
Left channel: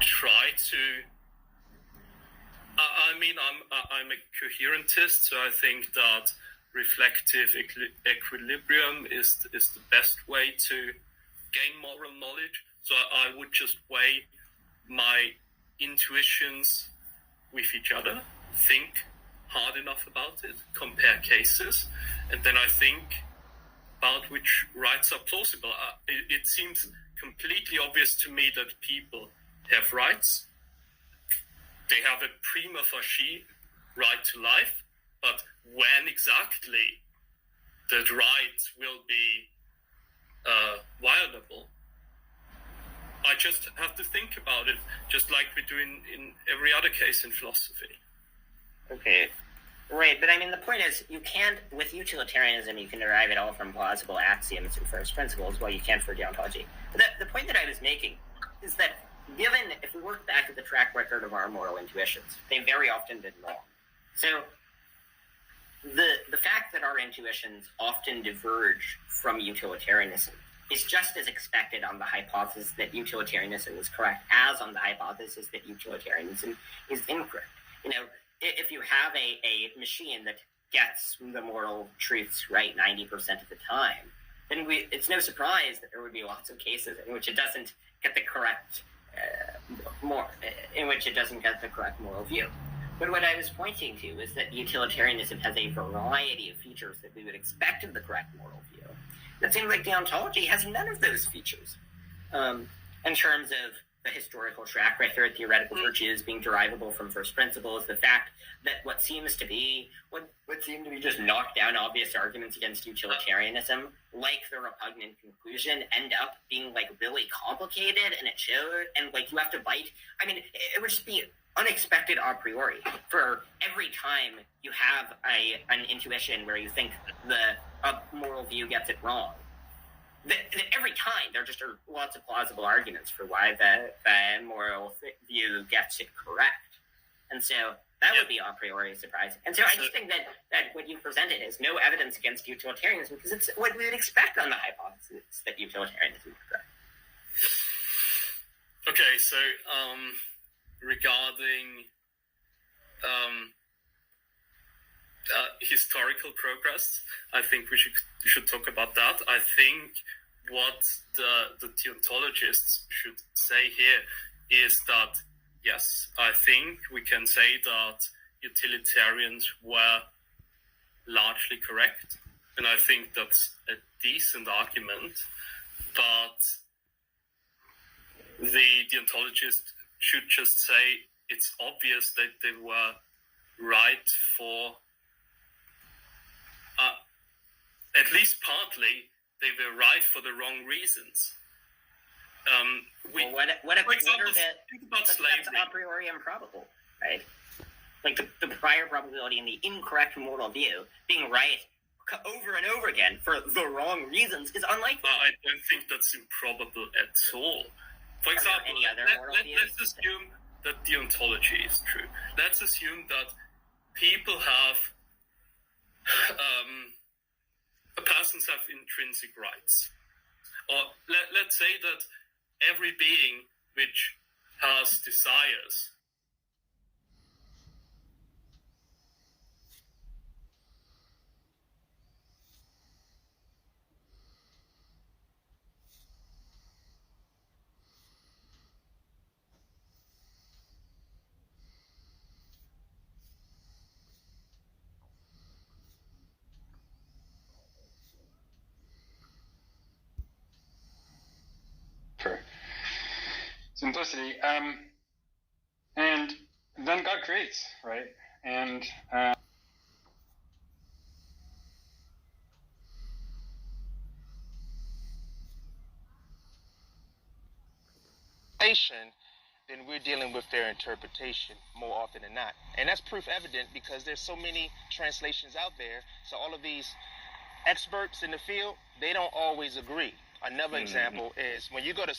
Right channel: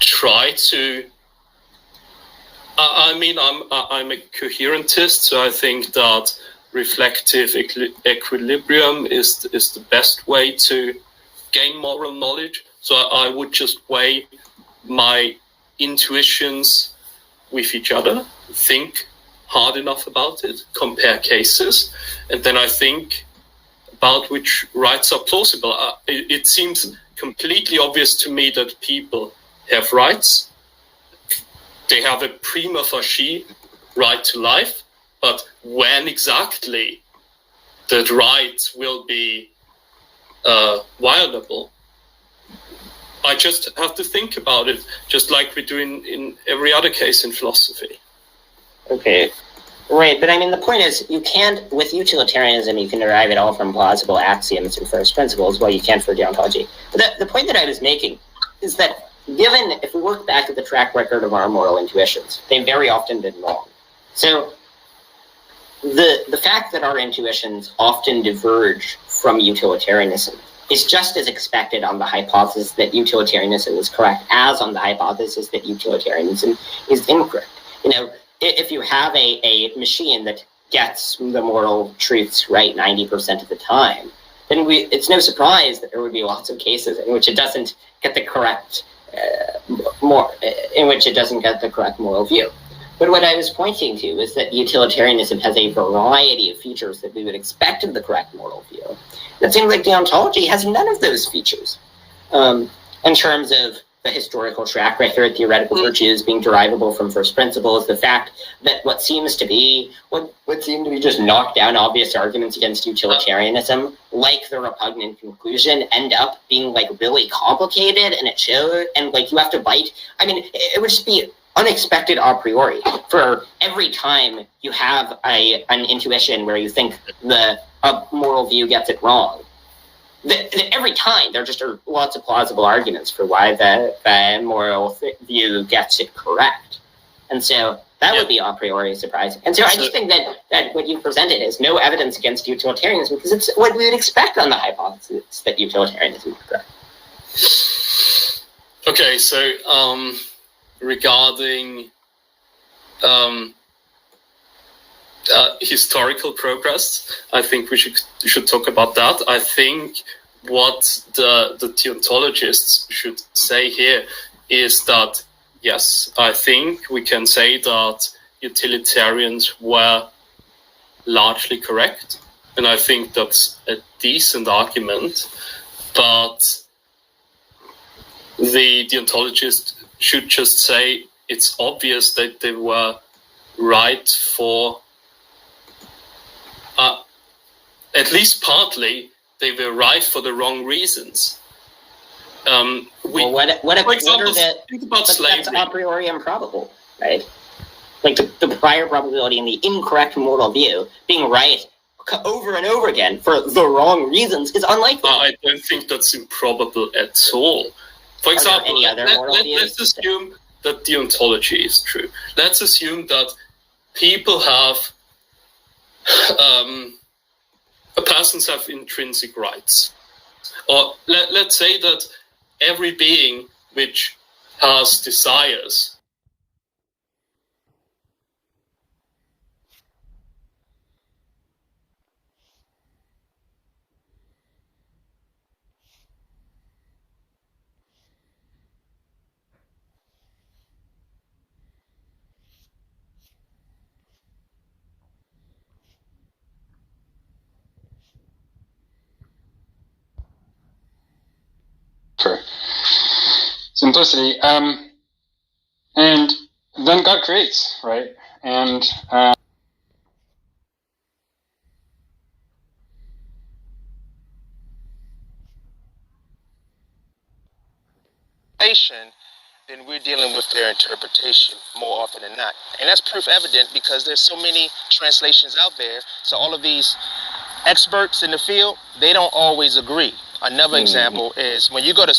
try to. I mean, I'm a coherentist, so I think that reflective equilibrium is the best way to gain moral knowledge. So I would just weigh my intuitions with each other, think hard enough about it, compare cases, and then I think about which rights are plausible. It seems completely obvious to me that people have rights. They have a prima facie right to life, but when exactly that right will be violable, I just have to think about it, just like we do in every other case in philosophy. Okay, right, but I mean, the point is, you can't, with utilitarianism, you can derive it all from plausible axioms and first principles, while you can't for deontology. But the point that I was making is that given, if we look back at the track record of our moral intuitions, they've very often been wrong. So the fact that our intuitions often diverge from utilitarianism is just as expected on the hypothesis that utilitarianism is correct as on the hypothesis that utilitarianism is incorrect. You know, if you have a machine that gets the moral truths right 90% of the time, then it's no surprise that there would be lots of cases in which it doesn't get the correct moral view. But what I was pointing to is that utilitarianism has a variety of features that we would expect of the correct moral view. It seems like deontology has none of those features. In terms of the historical track record, theoretical virtues being derivable from first principles, the fact that what seem to be just knocked down obvious arguments against utilitarianism, like the repugnant conclusion, end up being like really complicated, and it shows, and like you have to bite. I mean, it would just be unexpected a priori for every time you have an intuition where you think a moral view gets it wrong. Every time there just are lots of plausible arguments for why the moral view gets it correct. And so that would be a priori surprising. And so I just think that what you presented is no evidence against utilitarianism, because it's what we would expect on the hypothesis that utilitarianism is correct. Okay, so regarding historical progress, I think we should talk about that. I think what the deontologists should say here is that, yes, I think we can say that utilitarians were largely correct, and I think that's a decent argument, but the deontologist should just say it's obvious that they were right for at least partly, they were right for the wrong reasons. Well, for example, think about slavery. That's a priori improbable, right? Like the prior probability and the incorrect moral view being right over and over again for the wrong reasons is unlikely. I don't think that's improbable at all. For example, let's assume that deontology is true. Let's assume that people have persons have intrinsic rights. Or let's say that every being which has desires for simplicity. And then God creates, right? And then we're dealing with their interpretation more often than not. And that's proof evident because there's so many translations out there. So all of these experts in the field, they don't always agree. Another example is when you go to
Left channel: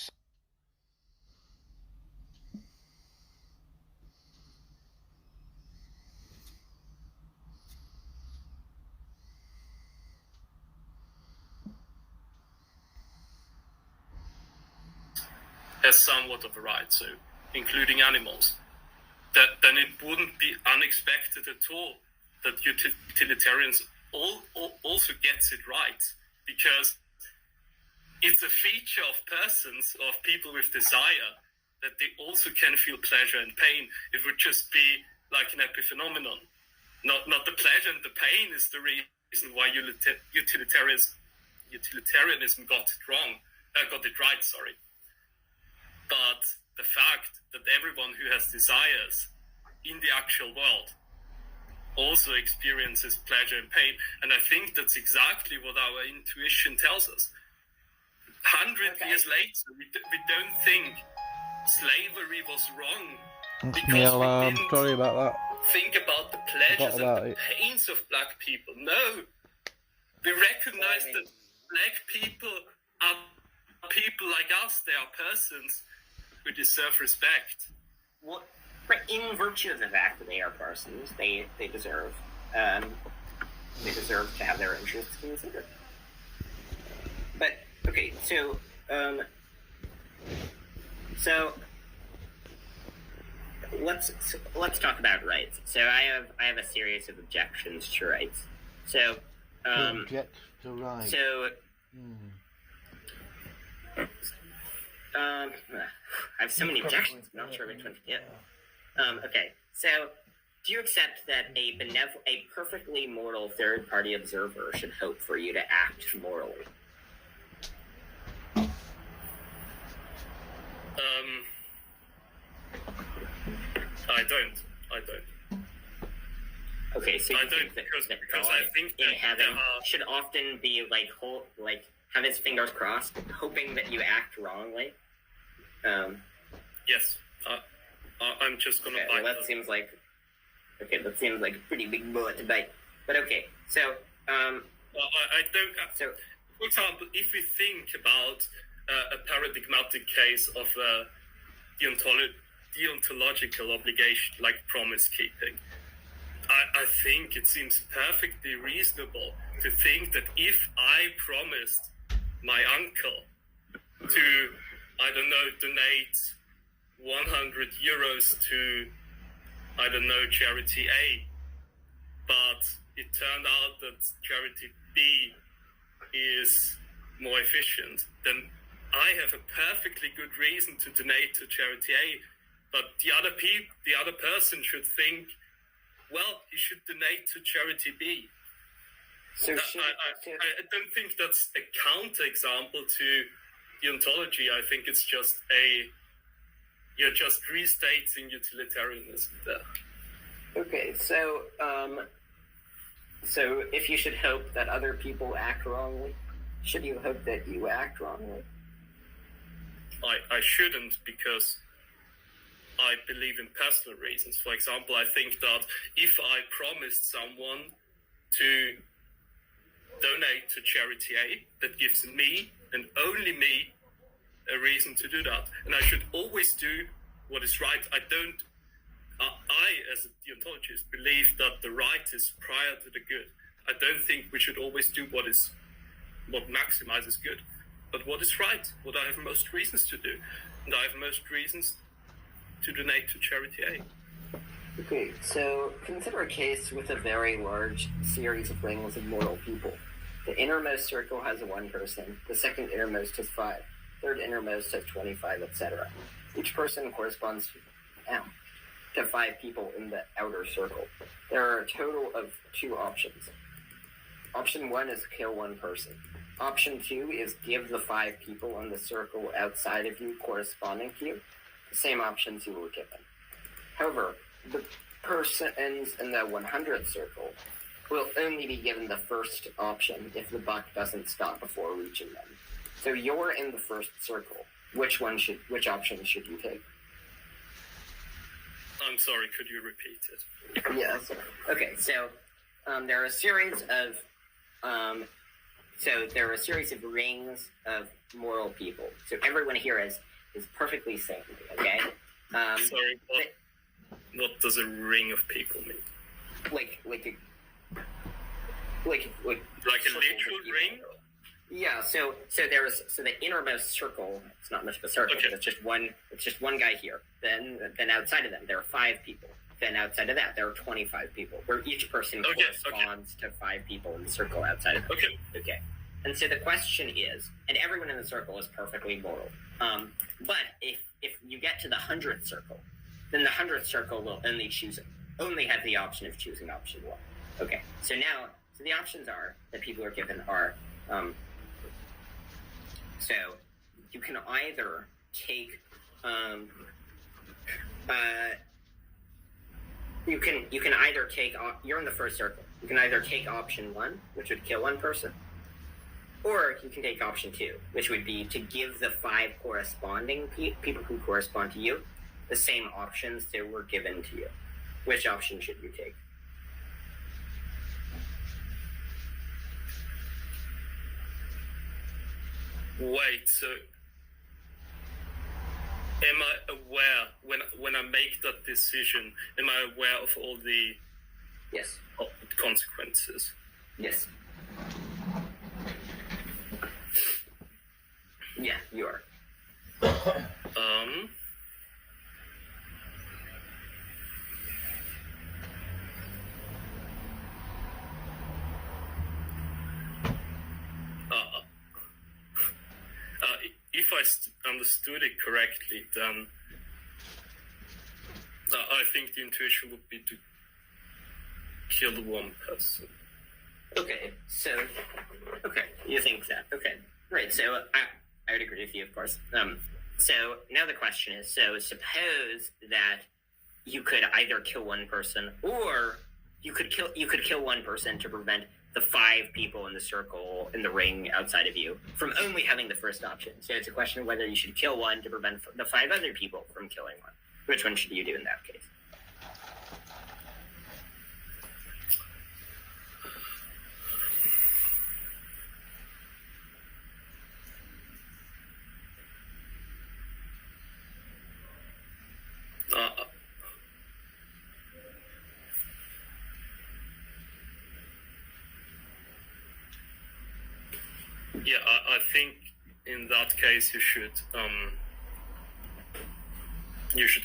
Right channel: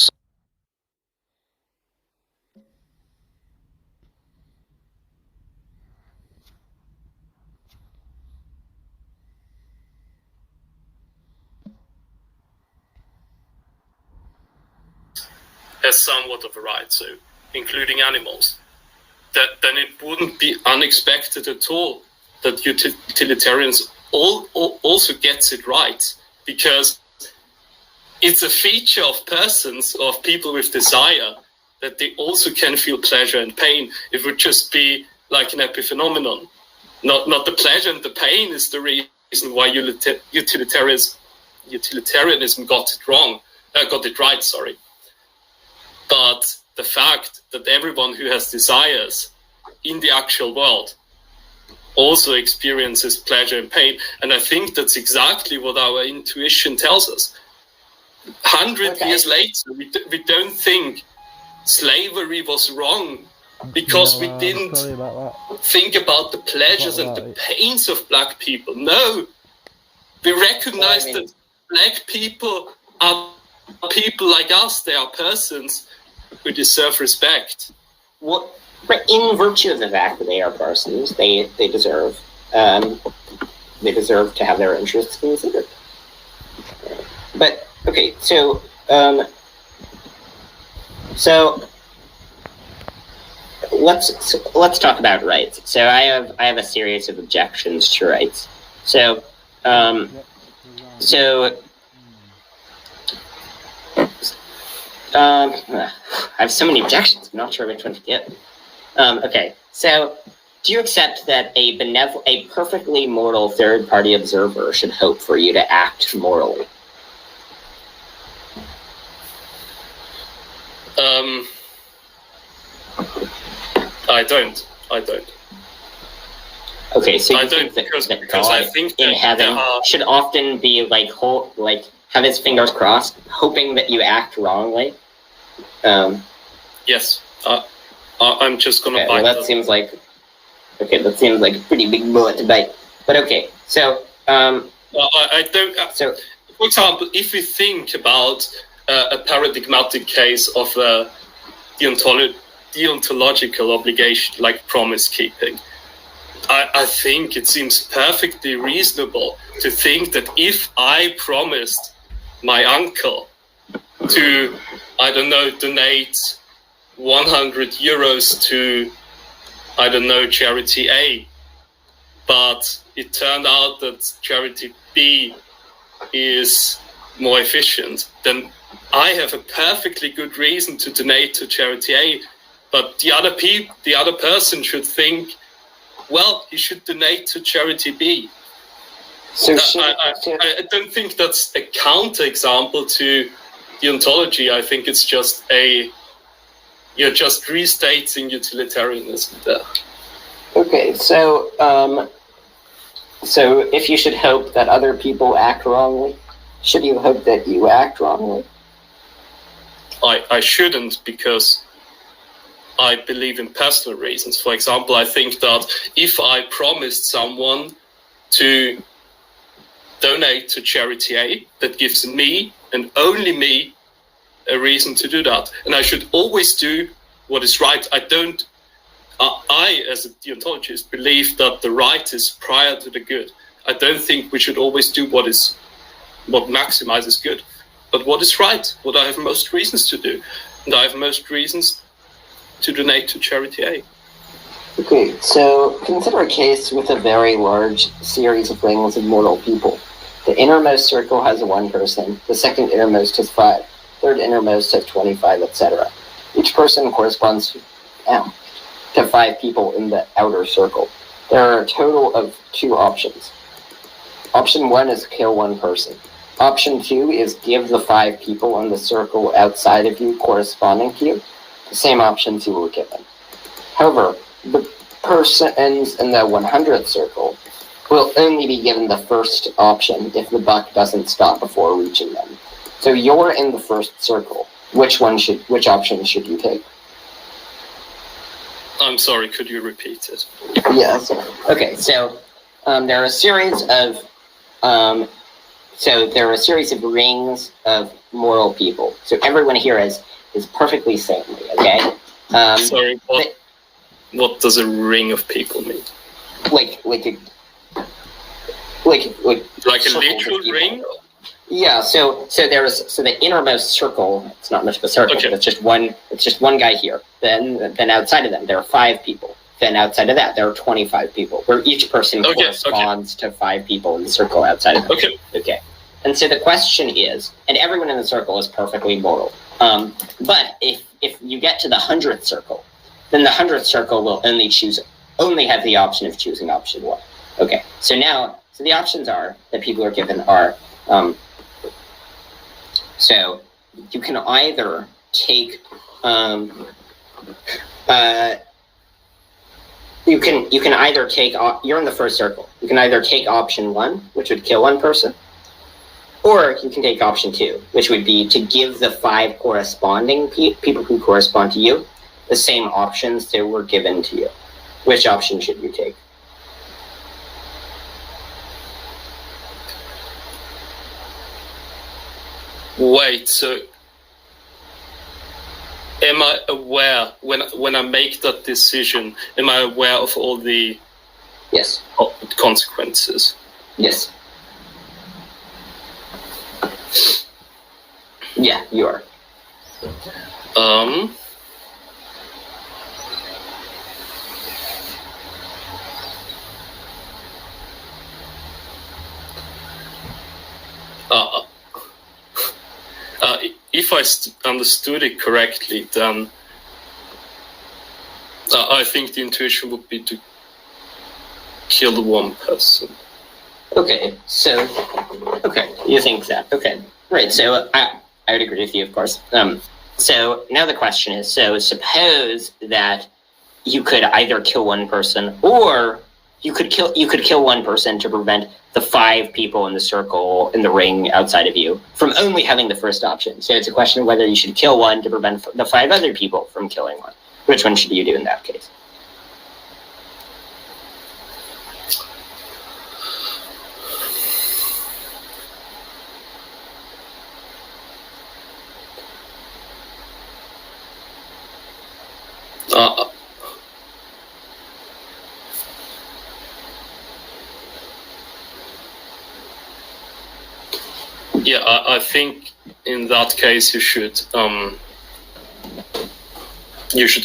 has somewhat of a right, so including animals, then it wouldn't be unexpected at all that utilitarians also gets it right, because it's a feature of persons, of people with desire, that they also can feel pleasure and pain. It would just be like an epiphenomenon. Not the pleasure and the pain is the reason why utilitarianism got it right, sorry. But the fact that everyone who has desires in the actual world also experiences pleasure and pain. And I think that's exactly what our intuition tells us. 100 years later, we don't think slavery was wrong because we didn't think about the pleasures and the pains of black people. No, we recognize that black people are people like us. They are persons who deserve respect. Well, in virtue of the fact that they are persons, they deserve to have their interests considered. But okay, so let's talk about rights. So I have a series of objections to rights. So I have so many objections. I'm not sure which one to get. Okay, so do you accept that a perfectly moral third-party observer should hope for you to act morally? I don't. Okay, so you I think don't, that because God I think in heaven should often be like have his fingers crossed, hoping that you act wrongly? Yes. I'm just gonna bite. Well, that seems like a pretty big bullet to bite. But okay, so I don't. So, for example, if we think about a paradigmatic case of a deontological obligation like promise keeping, I think it seems perfectly reasonable to think that if I promised my uncle to, I don't know, donate 100 euros to, I don't know, charity A, but it turned out that charity B is more efficient, then I have a perfectly good reason to donate to charity A, but the other person should think, well, he should donate to charity B. So I don't think that's a counterexample to deontology. I think it's just you're just restating utilitarianism there. Okay, so if you should hope that other people act wrongly, should you hope that you act wrongly? I shouldn't, because I believe in personal reasons. For example, I think that if I promised someone to donate to charity A, that gives me and only me a reason to do that. And I should always do what is right. I, as a deontologist, believe that the right is prior to the good. I don't think we should always do what maximizes good, but what is right, what I have most reasons to do. And I have most reasons to donate to charity A. Okay, so consider a case with a very large series of rings of mortal people. The innermost circle has 1 person, the second innermost has 5, third innermost has 25, etc. Each person corresponds to 5 people in the outer circle. There are a total of 2 options. Option 1 is kill 1 person. Option 2 is give the 5 people in the circle outside of you corresponding to you the same options you were given. However, the persons in the 100th circle will only be given the first option if the buck doesn't stop before reaching them. So you're in the first circle. Which option should you take? I'm sorry, could you repeat it? Yes. Okay, so there are a series of rings of moral people. So everyone here is perfectly saintly. Okay. Sorry, what does a ring of people mean? Like a literal ring? Yeah. So the innermost circle. It's not much of a circle. Okay. But it's just one guy here. Then outside of them there are 5 people. Then outside of that there are 25 people. Where each person corresponds to 5 people in the circle outside of them. Okay. Okay. And so the question is, and everyone in the circle is perfectly moral. But if you get to the 100th circle, then the 100th circle will only have the option of choosing option 1. Okay. So the options that people are given are, so you can either take, you can either take, you're in the first circle. You can either take option 1, which would kill 1 person, or you can take option 2, which would be to give the 5 corresponding people who correspond to you the same options that were given to you. Which option should you take? Wait, so am I aware when I make that decision? Am I aware of all the Yes. consequences? Yes. Yeah, you are. If I understood it correctly, then I think the intuition would be to kill the 1 person. Okay, so you think that? Okay, right. So I would agree with you, of course. So now the question is: so suppose that you could either kill 1 person, or you could kill 1 person to prevent the 5 people in the circle in the ring outside of you from only having the first option. So it's a question of whether you should kill 1 to prevent the 5 other people from killing 1. Which one should you do in that case? Yeah, I think in that case you should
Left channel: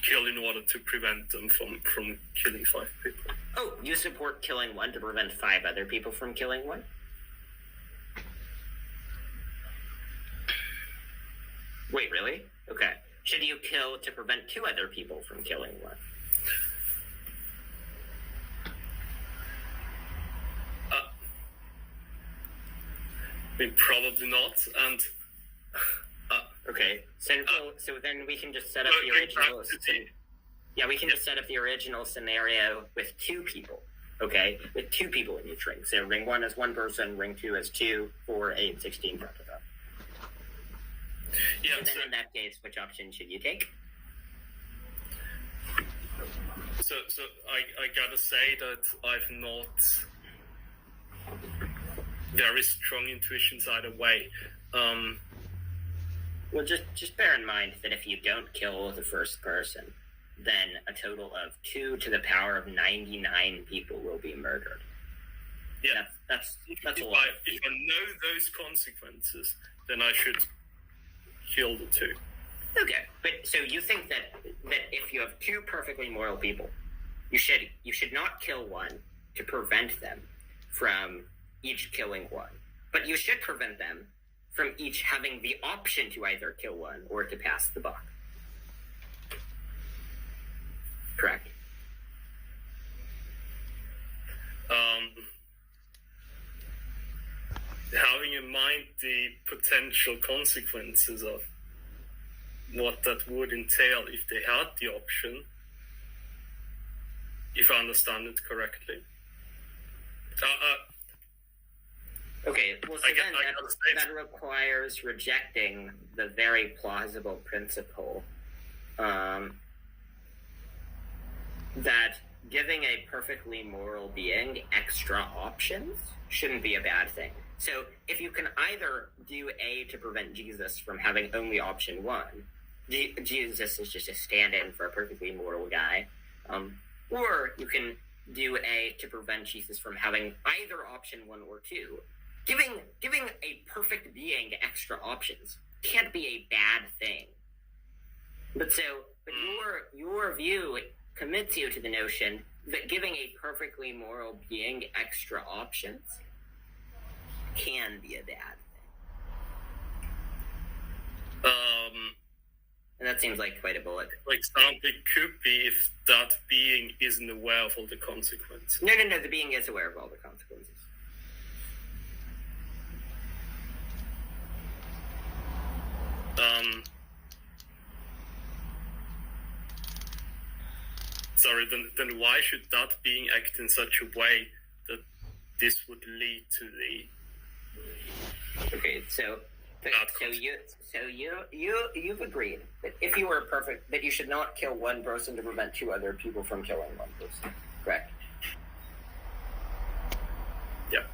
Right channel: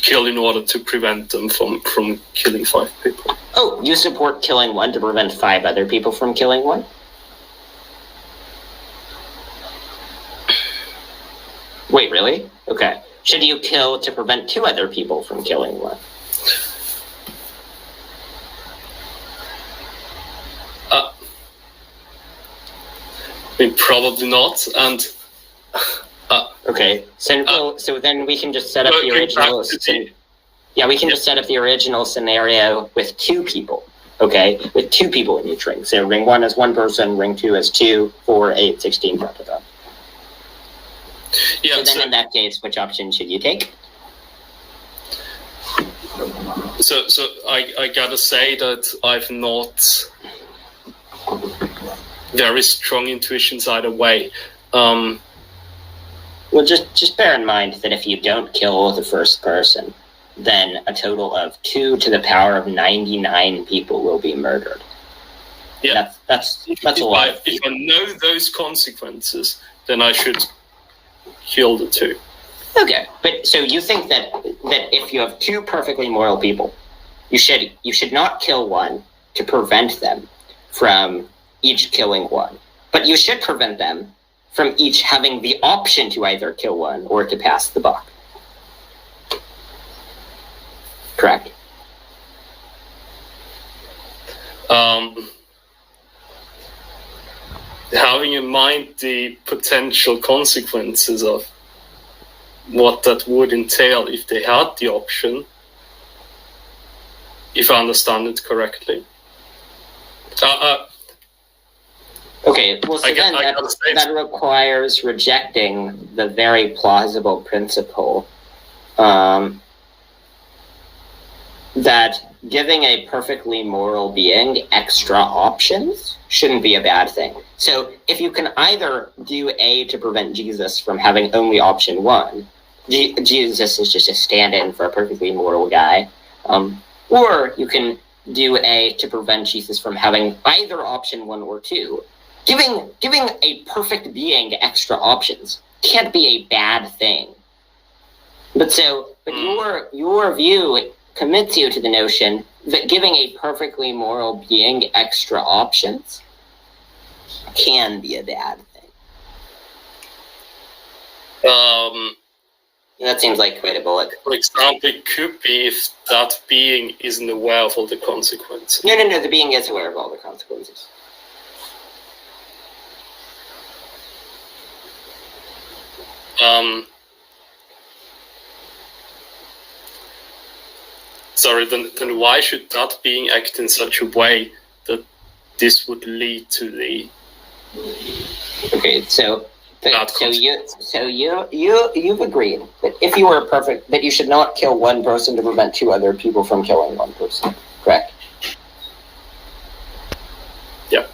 kill in order to prevent them from killing 5 people. Oh, you support killing 1 to prevent 5 other people from killing 1? Wait, really? Okay. Should you kill to prevent 2 other people from killing 1? I mean, probably not, and okay. So then we can just set up the original. We can just set up the original scenario with 2 people. Okay, with 2 people in each ring. So ring 1 is 1 person, ring 2 is 2, 4, 8, 16, blah, blah, blah. Yeah. So then in that case, which option should you take? So I gotta say that I've not very strong intuitions either way. Well, just bear in mind that if you don't kill the first person, then a total of 2 to the power of 99 people will be murdered. Yeah, that's a lot. If I know those consequences, then I should kill the 2. Okay, but so you think that if you have 2 perfectly moral people, you should not kill 1 to prevent them from each killing 1, but you should prevent them from each having the option to either kill 1 or to pass the buck. Correct. Having in mind the potential consequences of what that would entail if they had the option, if I understand it correctly. Okay, well, so then that requires rejecting the very plausible principle that giving a perfectly moral being extra options shouldn't be a bad thing. So if you can either do A to prevent Jesus from having only option one, Jesus is just a stand-in for a perfectly moral guy, or you can do A to prevent Jesus from having either option one or two. Giving a perfect being extra options can't be a bad thing. But your view commits you to the notion that giving a perfectly moral being extra options can be a bad thing. That seems like quite a bullet. For example, it could be if that being isn't aware of all the consequences. No, the being is aware of all the consequences. Sorry, then why should that being act in such a way that this would lead to the... Okay, you've agreed that if you were perfect, that you should not kill one person to prevent two other people from killing one person, correct? Yeah.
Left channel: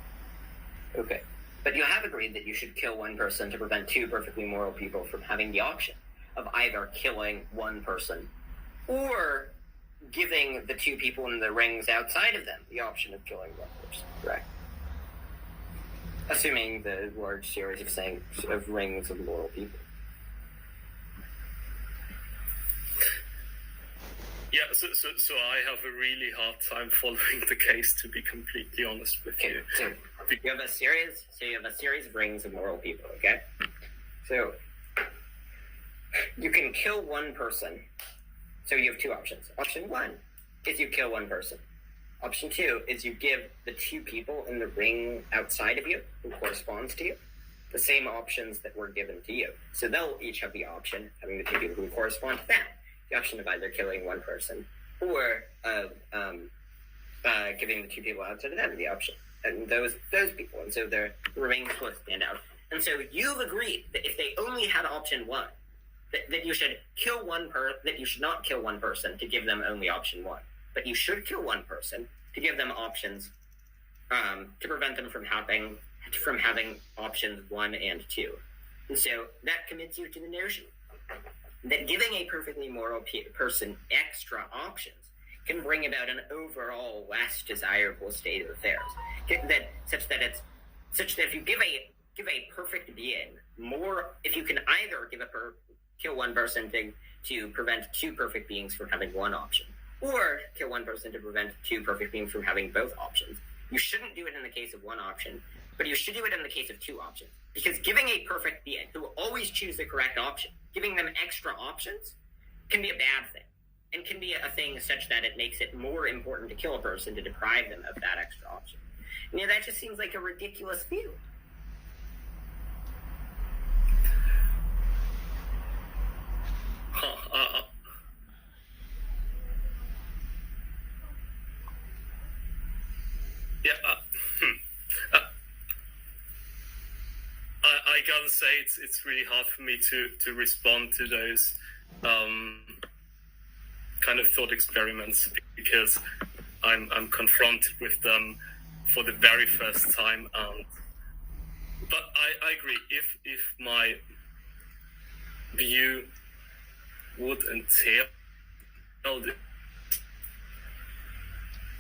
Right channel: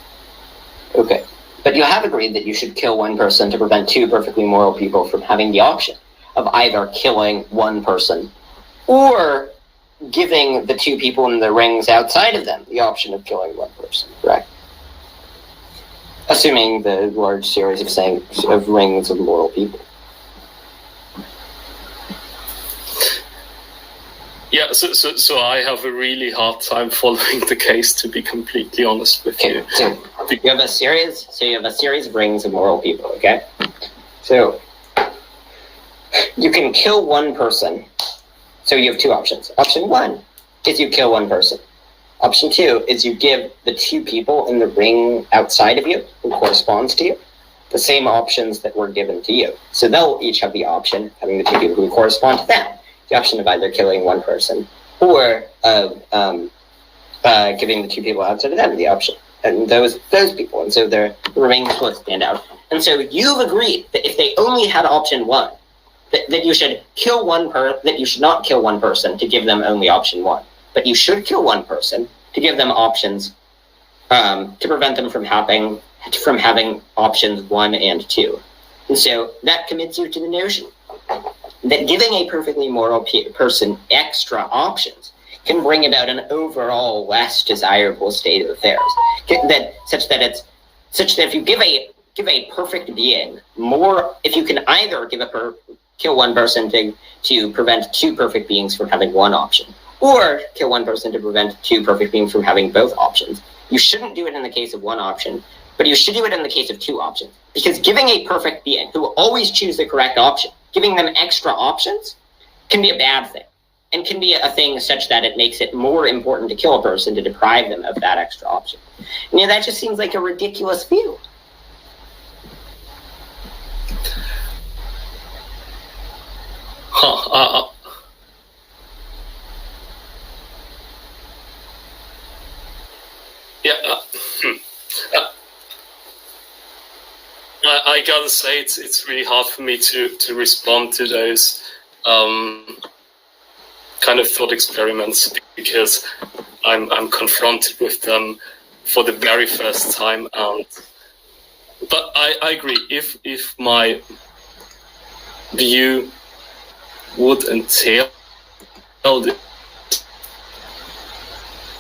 Okay, but you have agreed that you should kill one person to prevent two perfectly moral people from having the option of either killing one person or giving the two people in the rings outside of them the option of killing one person, correct? Assuming the large series of rings of moral people. Yeah, so I have a really hard time following the case, to be completely honest with you. So you have a series of rings of moral people, okay? So you can kill one person. So you have two options. Option one is you kill one person. Option two is you give the two people in the ring outside of you, who corresponds to you, the same options that were given to you. So they'll each have the option, having the two people who correspond to them, the option of either killing one person or giving the two people outside of them the option, and those people. And so the rings will stand out. And so you've agreed that if they only had option one, that you should kill that you should not kill one person to give them only option one. But you should kill one person to give them options, to prevent them from having options 1 and 2. And so that commits you to the notion that giving a perfectly moral person extra options can bring about an overall less desirable state of affairs. Such that if you give a perfect being more, if you can either kill one person to prevent two perfect beings from having one option, or kill one person to prevent two perfect beings from having both options. You shouldn't do it in the case of one option, but you should do it in the case of two options. Because giving a perfect being who will always choose the correct option, giving them extra options, can be a bad thing. And can be a thing such that it makes it more important to kill a person to deprive them of that extra option. And that just seems like a ridiculous view. I gotta say it's really hard for me to respond to those kind of thought experiments, because I'm confronted with them for the very first time. But I agree, if my view would entail this,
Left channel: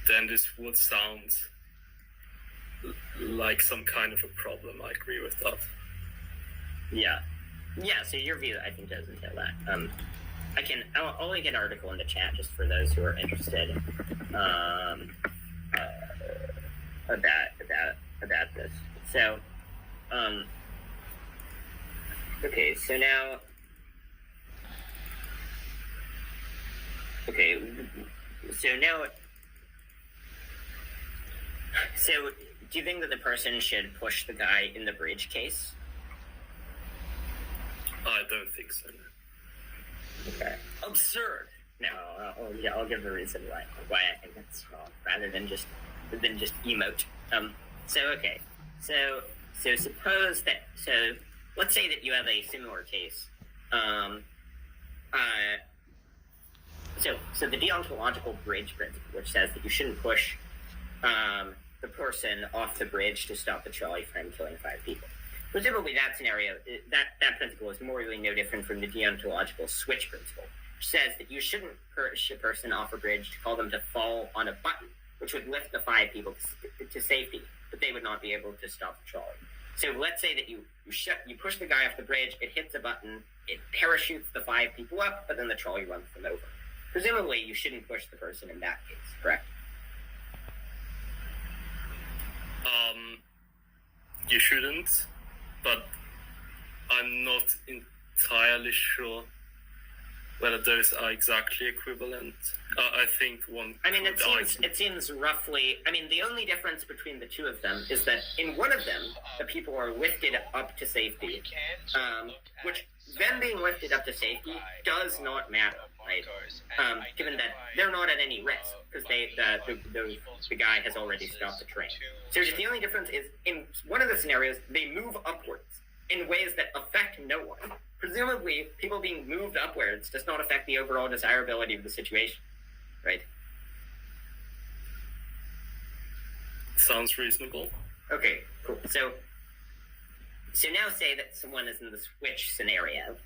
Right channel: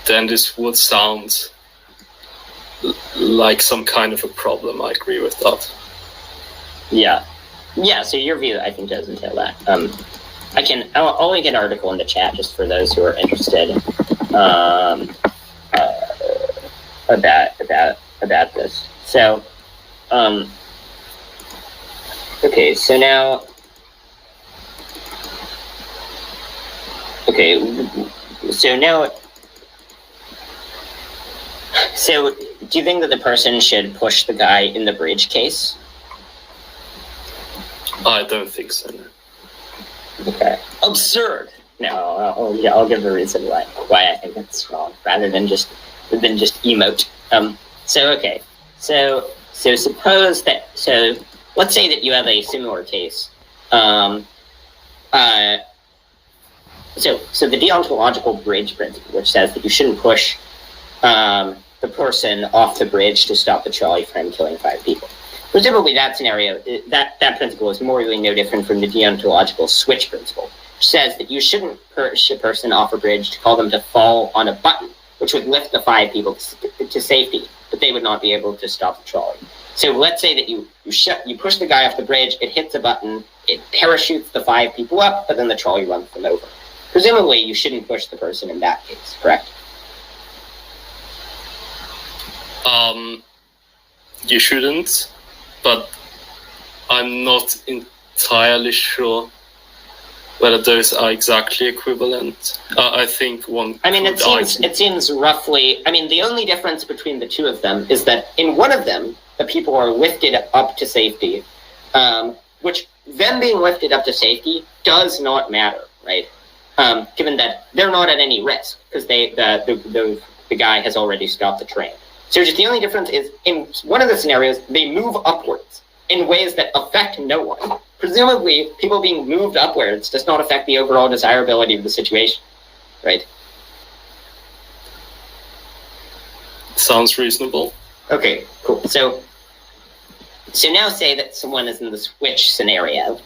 then this would sound like some kind of a problem. I agree with that. Yeah, so your view, I think, does entail that. I'll link an article in the chat just for those who are interested about this. So, okay, so now, so do you think that the person should push the guy in the bridge case? I don't think so, no. Okay. Absurd. No, I'll give a reason why I think that's wrong, rather than just emote. So let's say that you have a similar case. So the deontological bridge principle, which says that you shouldn't push the person off the bridge to stop the trolley from killing 5 people. Presumably that scenario, that principle is morally no different from the deontological switch principle, which says that you shouldn't push a person off a bridge to call them to fall on a button, which would lift the 5 people to safety, but they would not be able to stop the trolley. So let's say that you push the guy off the bridge, it hits a button, it parachutes the 5 people up, but then the trolley runs them over. Presumably you shouldn't push the person in that case, correct? You shouldn't, but I'm not entirely sure whether those are exactly equivalent. I think one. I mean, it seems roughly. I mean, the only difference between the two of them is that in one of them, the people are lifted up to safety, which them being lifted up to safety does not matter, right? Given that they're not at any risk because the guy has already stopped the train. So just the only difference is in one of the scenarios, they move upwards in ways that affect no one. Presumably, people being moved upwards does not affect the overall desirability of the situation, right? Sounds reasonable. Okay, cool. So now say that someone is in the switch scenario.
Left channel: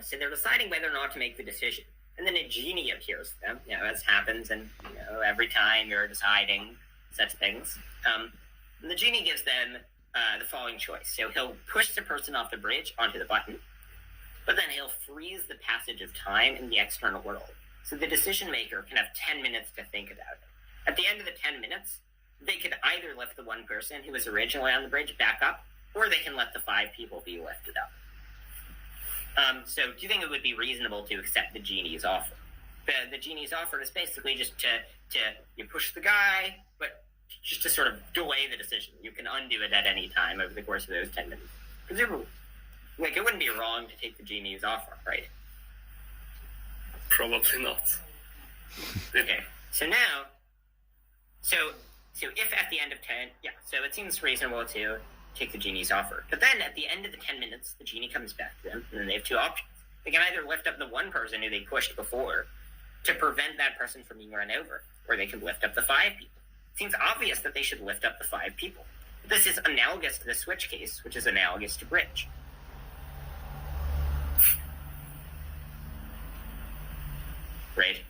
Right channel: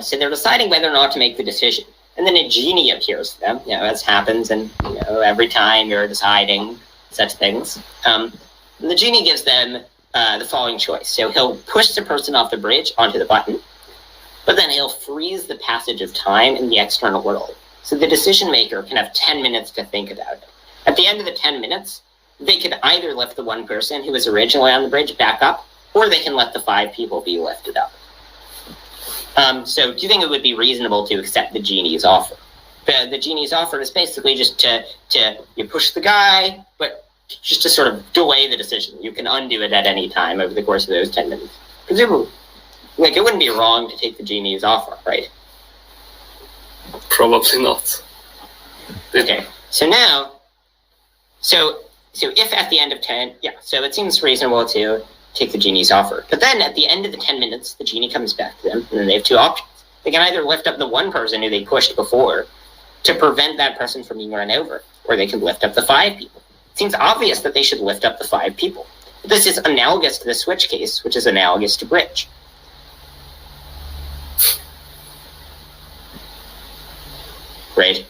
So they're deciding whether or not to make the decision. And then a genie appears to them, as happens, and every time you're deciding such things. And the genie gives them the following choice. So he'll push the person off the bridge onto the button, but then he'll freeze the passage of time in the external world. So the decision maker can have 10 minutes to think about it. At the end of the 10 minutes, they could either lift the one person who was originally on the bridge back up, or they can let the 5 people be lifted up. So do you think it would be reasonable to accept the genie's offer? The genie's offer is basically just to you push the guy, but just to sort of delay the decision. You can undo it at any time over the course of those 10 minutes. Presumably, it wouldn't be wrong to take the genie's offer, right? Probably not. Okay, so if at the end of 10, so it seems reasonable to take the genie's offer. But then at the end of the 10 minutes, the genie comes back to them, and then they have 2 options. They can either lift up the one person who they pushed before to prevent that person from being run over, or they can lift up the 5 people. It seems obvious that they should lift up the 5 people. But this is analogous to the switch case, which is analogous to bridge. Right?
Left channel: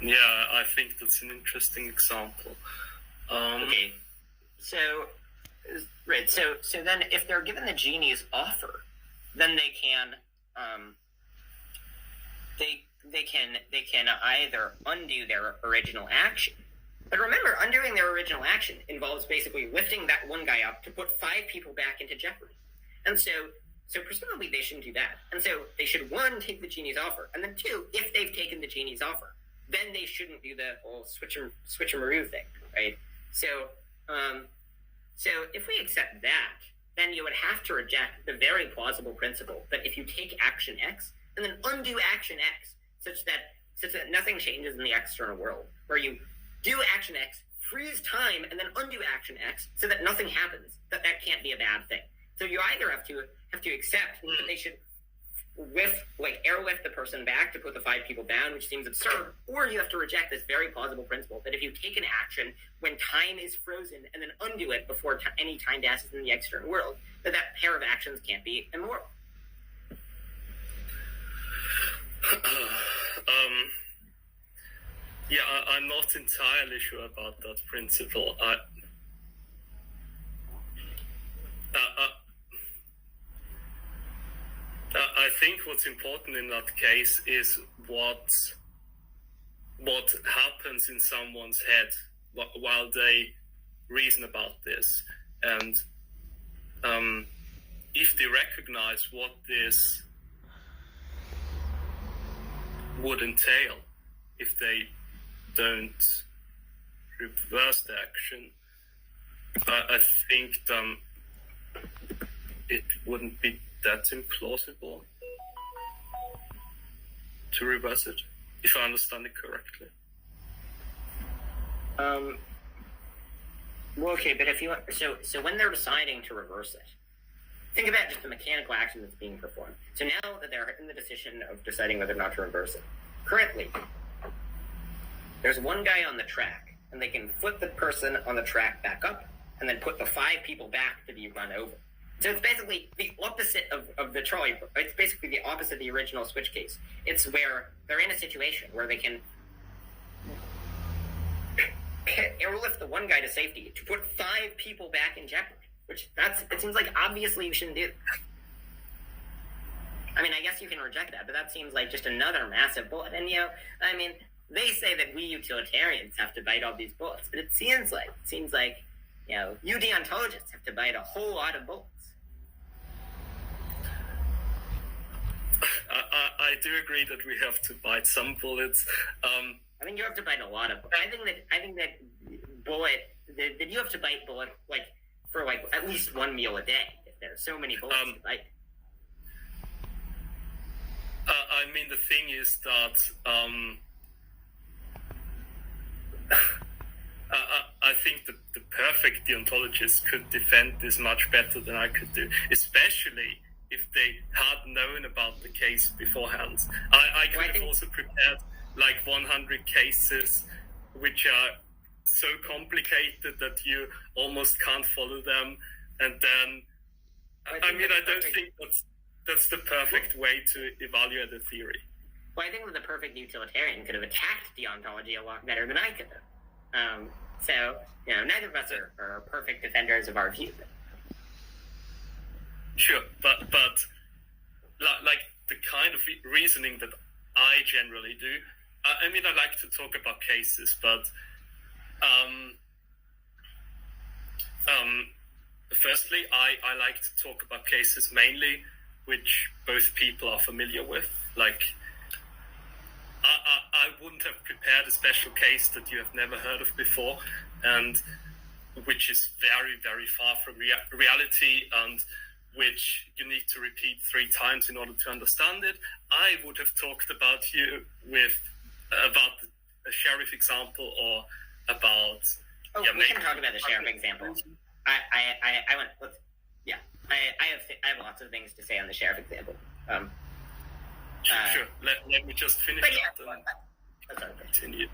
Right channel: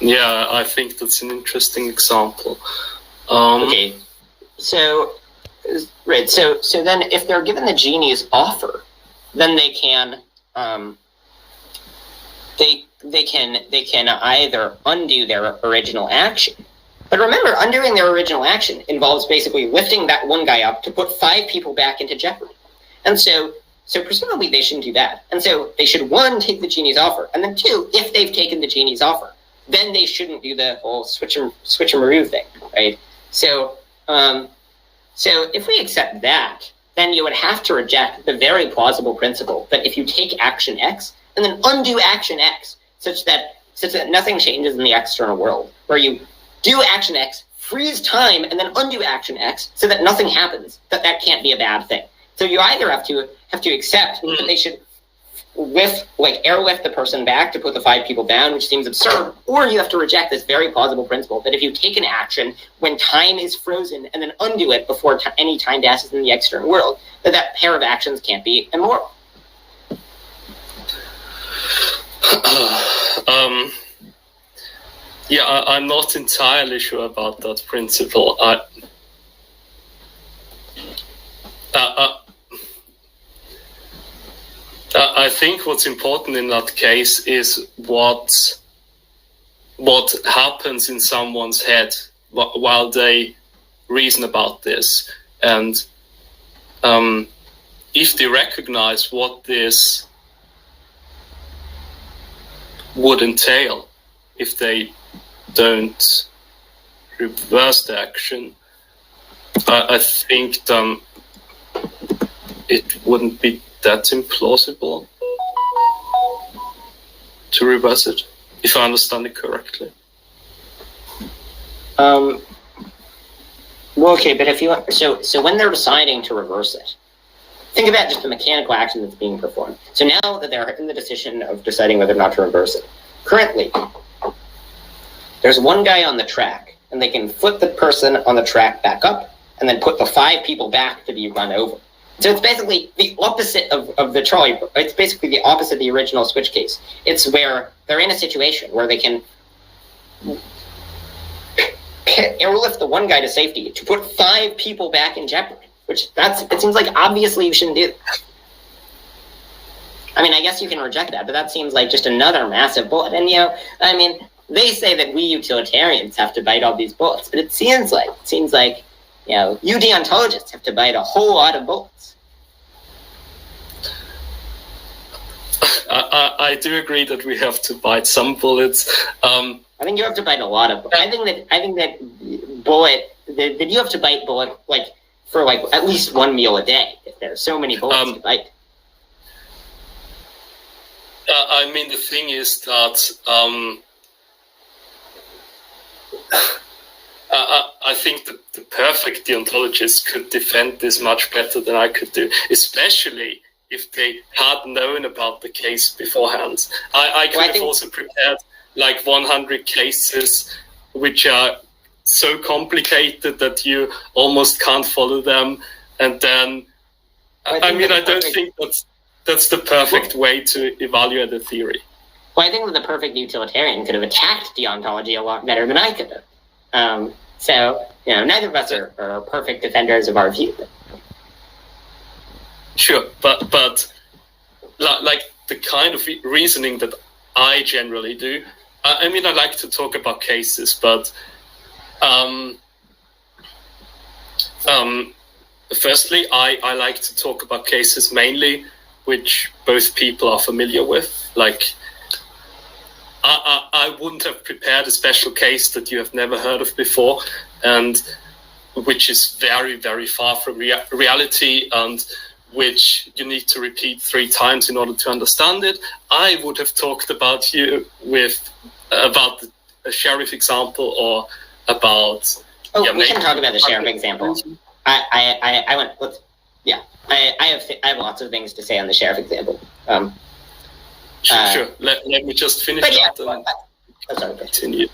Yeah, I think that's an interesting example. Okay, so then if they're given the genie's offer, then they can either undo their original action. But remember, undoing their original action involves basically lifting that one guy up to put 5 people back into jeopardy. And so presumably they shouldn't do that. And so they should, 1, take the genie's offer, and then 2, if they've taken the genie's offer, then they shouldn't do the whole switch and maroo thing, right? So if we accept that, then you would have to reject the very plausible principle that if you take action X and then undo action X, such that nothing changes in the external world, where you do action X, freeze time, and then undo action X, so that nothing happens, that can't be a bad thing. So you either have to accept that they should airlift the person back to put the 5 people down, which seems absurd, or you have to reject this very plausible principle that if you take an action when time is frozen and then undo it before any time passes in the external world, that pair of actions can't be immoral. I'm not entirely sure about that principle. I think what's important in that case is what happens in someone's head while they reason about this, and if they recognize what this would entail if they don't reverse the action, I think it wouldn't be that implausible to reverse it, if I understand it correctly. Well, okay, but if you so when they're deciding to reverse it, think about just the mechanical action that's being performed. So now that they're in the decision of deciding whether or not to reverse it, currently there's one guy on the track, and they can flip the person on the track back up, and then put the 5 people back to be run over. So it's basically the opposite of the trolley. It's basically the opposite of the original switch case. It's where they're in a situation where they can airlift the one guy to safety to put 5 people back in jeopardy. Which it seems like obviously you shouldn't do that. I mean, I guess you can reject that, but that seems like just another massive bullet. And I mean, they say that we utilitarians have to bite all these bullets, but it seems like you deontologists have to bite a whole lot of bullets. I do agree that we have to bite some bullets. I think you have to bite a lot of. I think that you have to bite bullet for at least one meal a day. If there's so many bullets to bite. I mean, the thing is that I think the perfect deontologist could defend this much better than I could do, especially if they had known about the case beforehand. I could have also prepared 100 cases which are so complicated that you almost can't follow them, and then I don't think that's the perfect way to evaluate a theory. Well, I think that the perfect utilitarian could have attacked deontology a lot better than I could have. So neither of us are perfect defenders of our view. Sure, but the kind of reasoning that I generally do. I like to talk about cases, but firstly, I like to talk about cases mainly which both people are familiar with. I wouldn't have prepared a special case that you have never heard of before, and which is very, very far from reality, and which you need to repeat 3 times in order to understand it. I would have talked about about a sheriff example, or about. We can talk about the sheriff example. I have lots of things to say on the sheriff example. Sure. Let me just finish that and continue.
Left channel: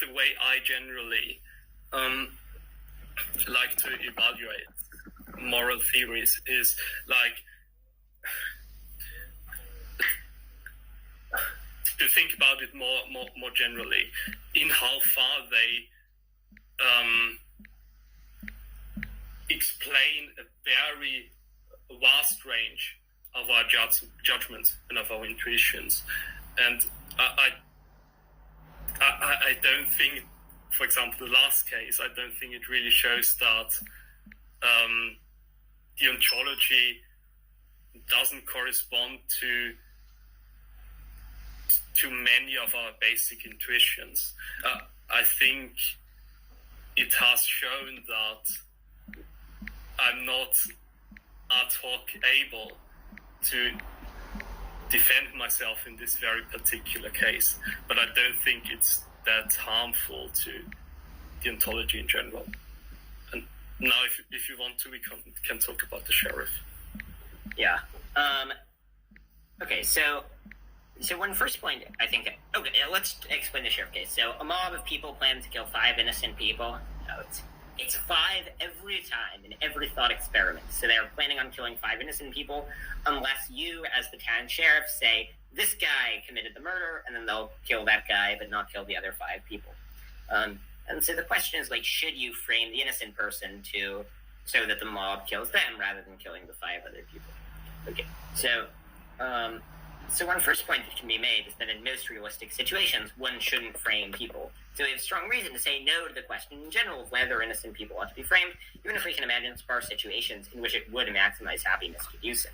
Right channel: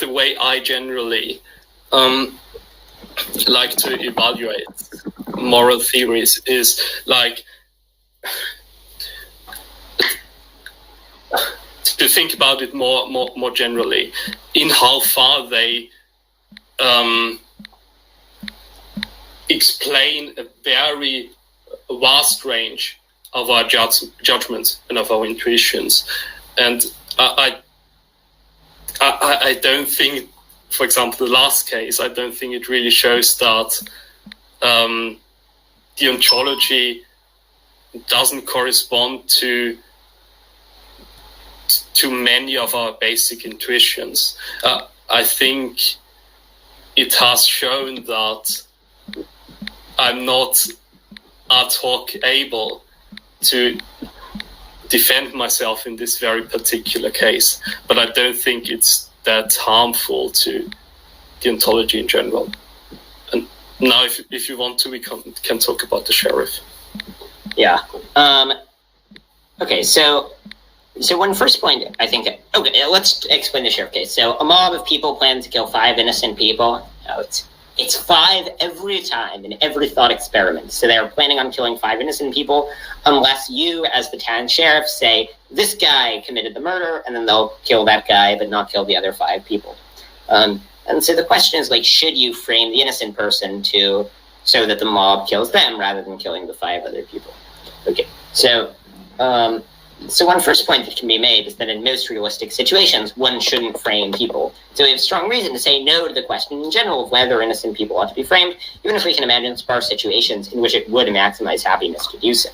The way I generally like to evaluate moral theories is to think about it more generally, in how far they explain a very vast range of our judgments and of our intuitions. And I don't think, for example, the last case, I don't think it really shows that deontology doesn't correspond to many of our basic intuitions. I think it has shown that I'm not ad hoc able to defend myself in this very particular case, but I don't think it's that harmful to deontology in general. And now, if you want to, we can talk about the sheriff. Yeah. Okay. So one first point, I think. Okay, let's explain the sheriff case. So a mob of people plans to kill 5 innocent people. It's 5 every time in every thought experiment. So they're planning on killing 5 innocent people, unless you, as the town sheriff, say this guy committed the murder, and then they'll kill that guy, but not kill the other 5 people. And so the question is, should you frame the innocent person so that the mob kills them rather than killing the 5 other people? Okay, so one first point that can be made is that in most realistic situations, one shouldn't frame people. So we have strong reason to say no to the question in general of whether innocent people ought to be framed, even if we can imagine sparse situations in which it would maximize happiness to do so.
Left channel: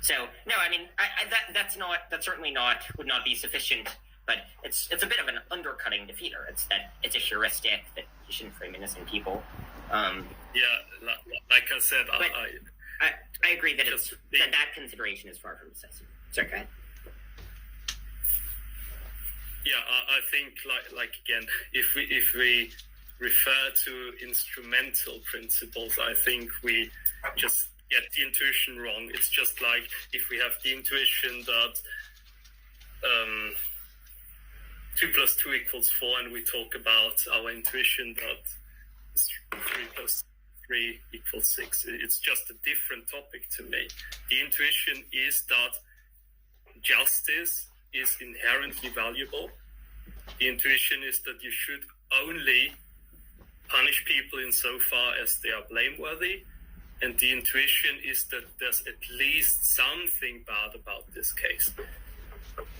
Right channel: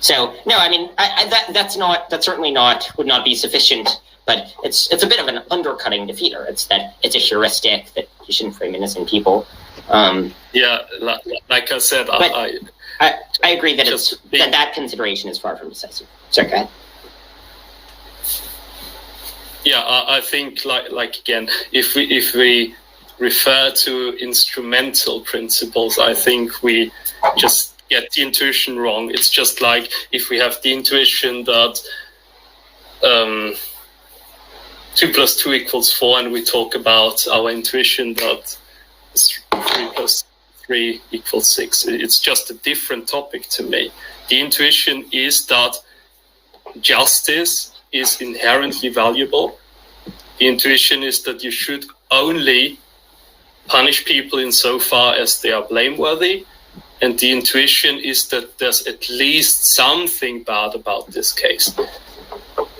So no, that certainly would not be sufficient, but it's a bit of an undercutting defeater. It's that it's a heuristic that you shouldn't frame innocent people. Yeah, like I said, I agree that that consideration is far from decisive. Sorry, go ahead. Yeah, I think like again, if we refer to instrumental principles, I think we just get the intuition wrong. It's just like if we have the intuition that 2 + 2 = 4, and we talk about our intuition that 3 + 3 = 6. It's just a different topic to me. The intuition is that justice is inherently valuable. The intuition is that you should only punish people insofar as they are blameworthy. And the intuition is that there's at least something bad about this case.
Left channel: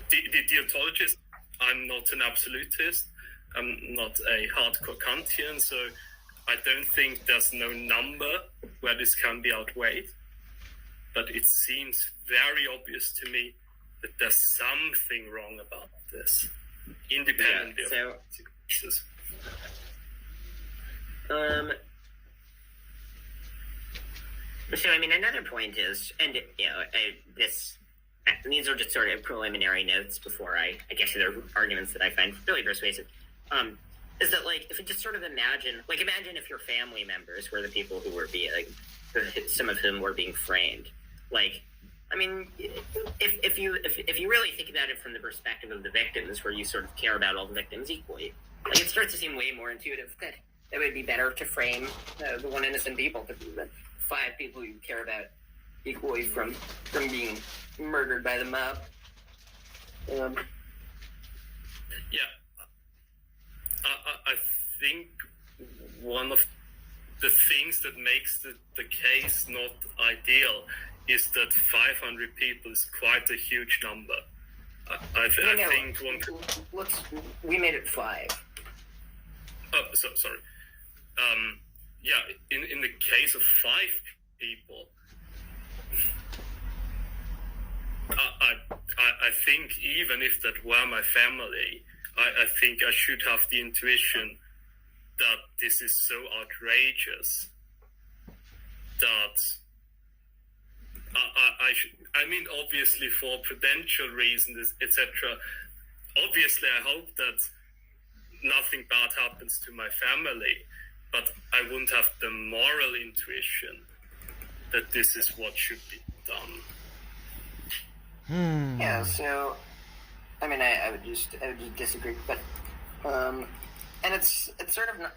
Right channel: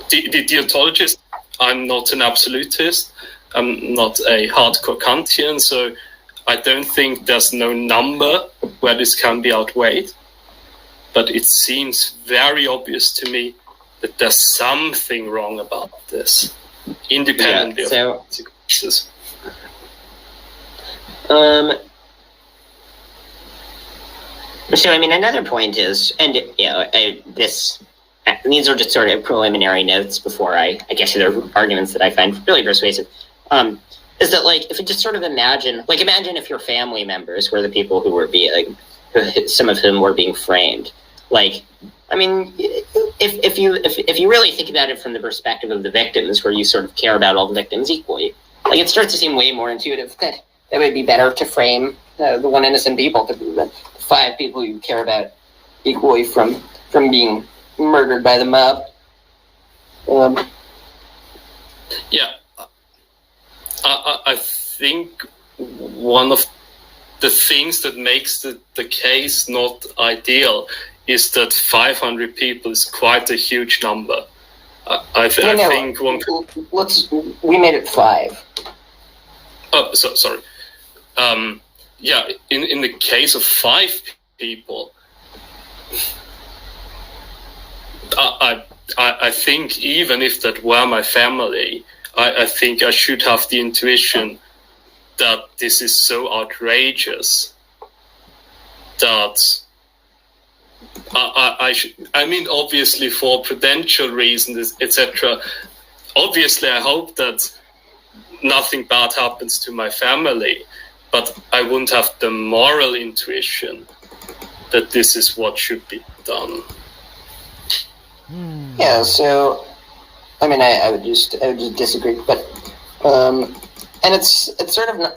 The deontologist, I'm not an absolutist. I'm not a hardcore Kantian, so I don't think there's no number where this can be outweighed. But it seems very obvious to me that there's something wrong about this, independently of consequences. So, I mean, another point is, and these are just sort of preliminary notes before I get to the arguments that I find really persuasive, is that, like, if you just sort of imagine if your family members were the people who were being, some of whom were being framed, like, I mean, if you really think about it from the perspective of the victims, where you sort of care about all the victims equally, like, it starts to seem way more intuitive that it would be better to frame the one innocent people than 5 people you care about equally from being murdered by the mob. Yeah, I think one of the things that makes the case not ideal is that 500 people is quite a huge number. I think one. We made it 5. Oh, sorry. Yeah, in the case of 5 people, I think even if that were my family, I think I should have the intuition that this is so outrageous that I mean, obviously for prudential reasons, etc. Obviously, I hope that nothing bad happens to my family, but I wouldn't have the moral intuition that this is what should be done. Yeah, so I mean, I would just disagree, but and it's sort of not,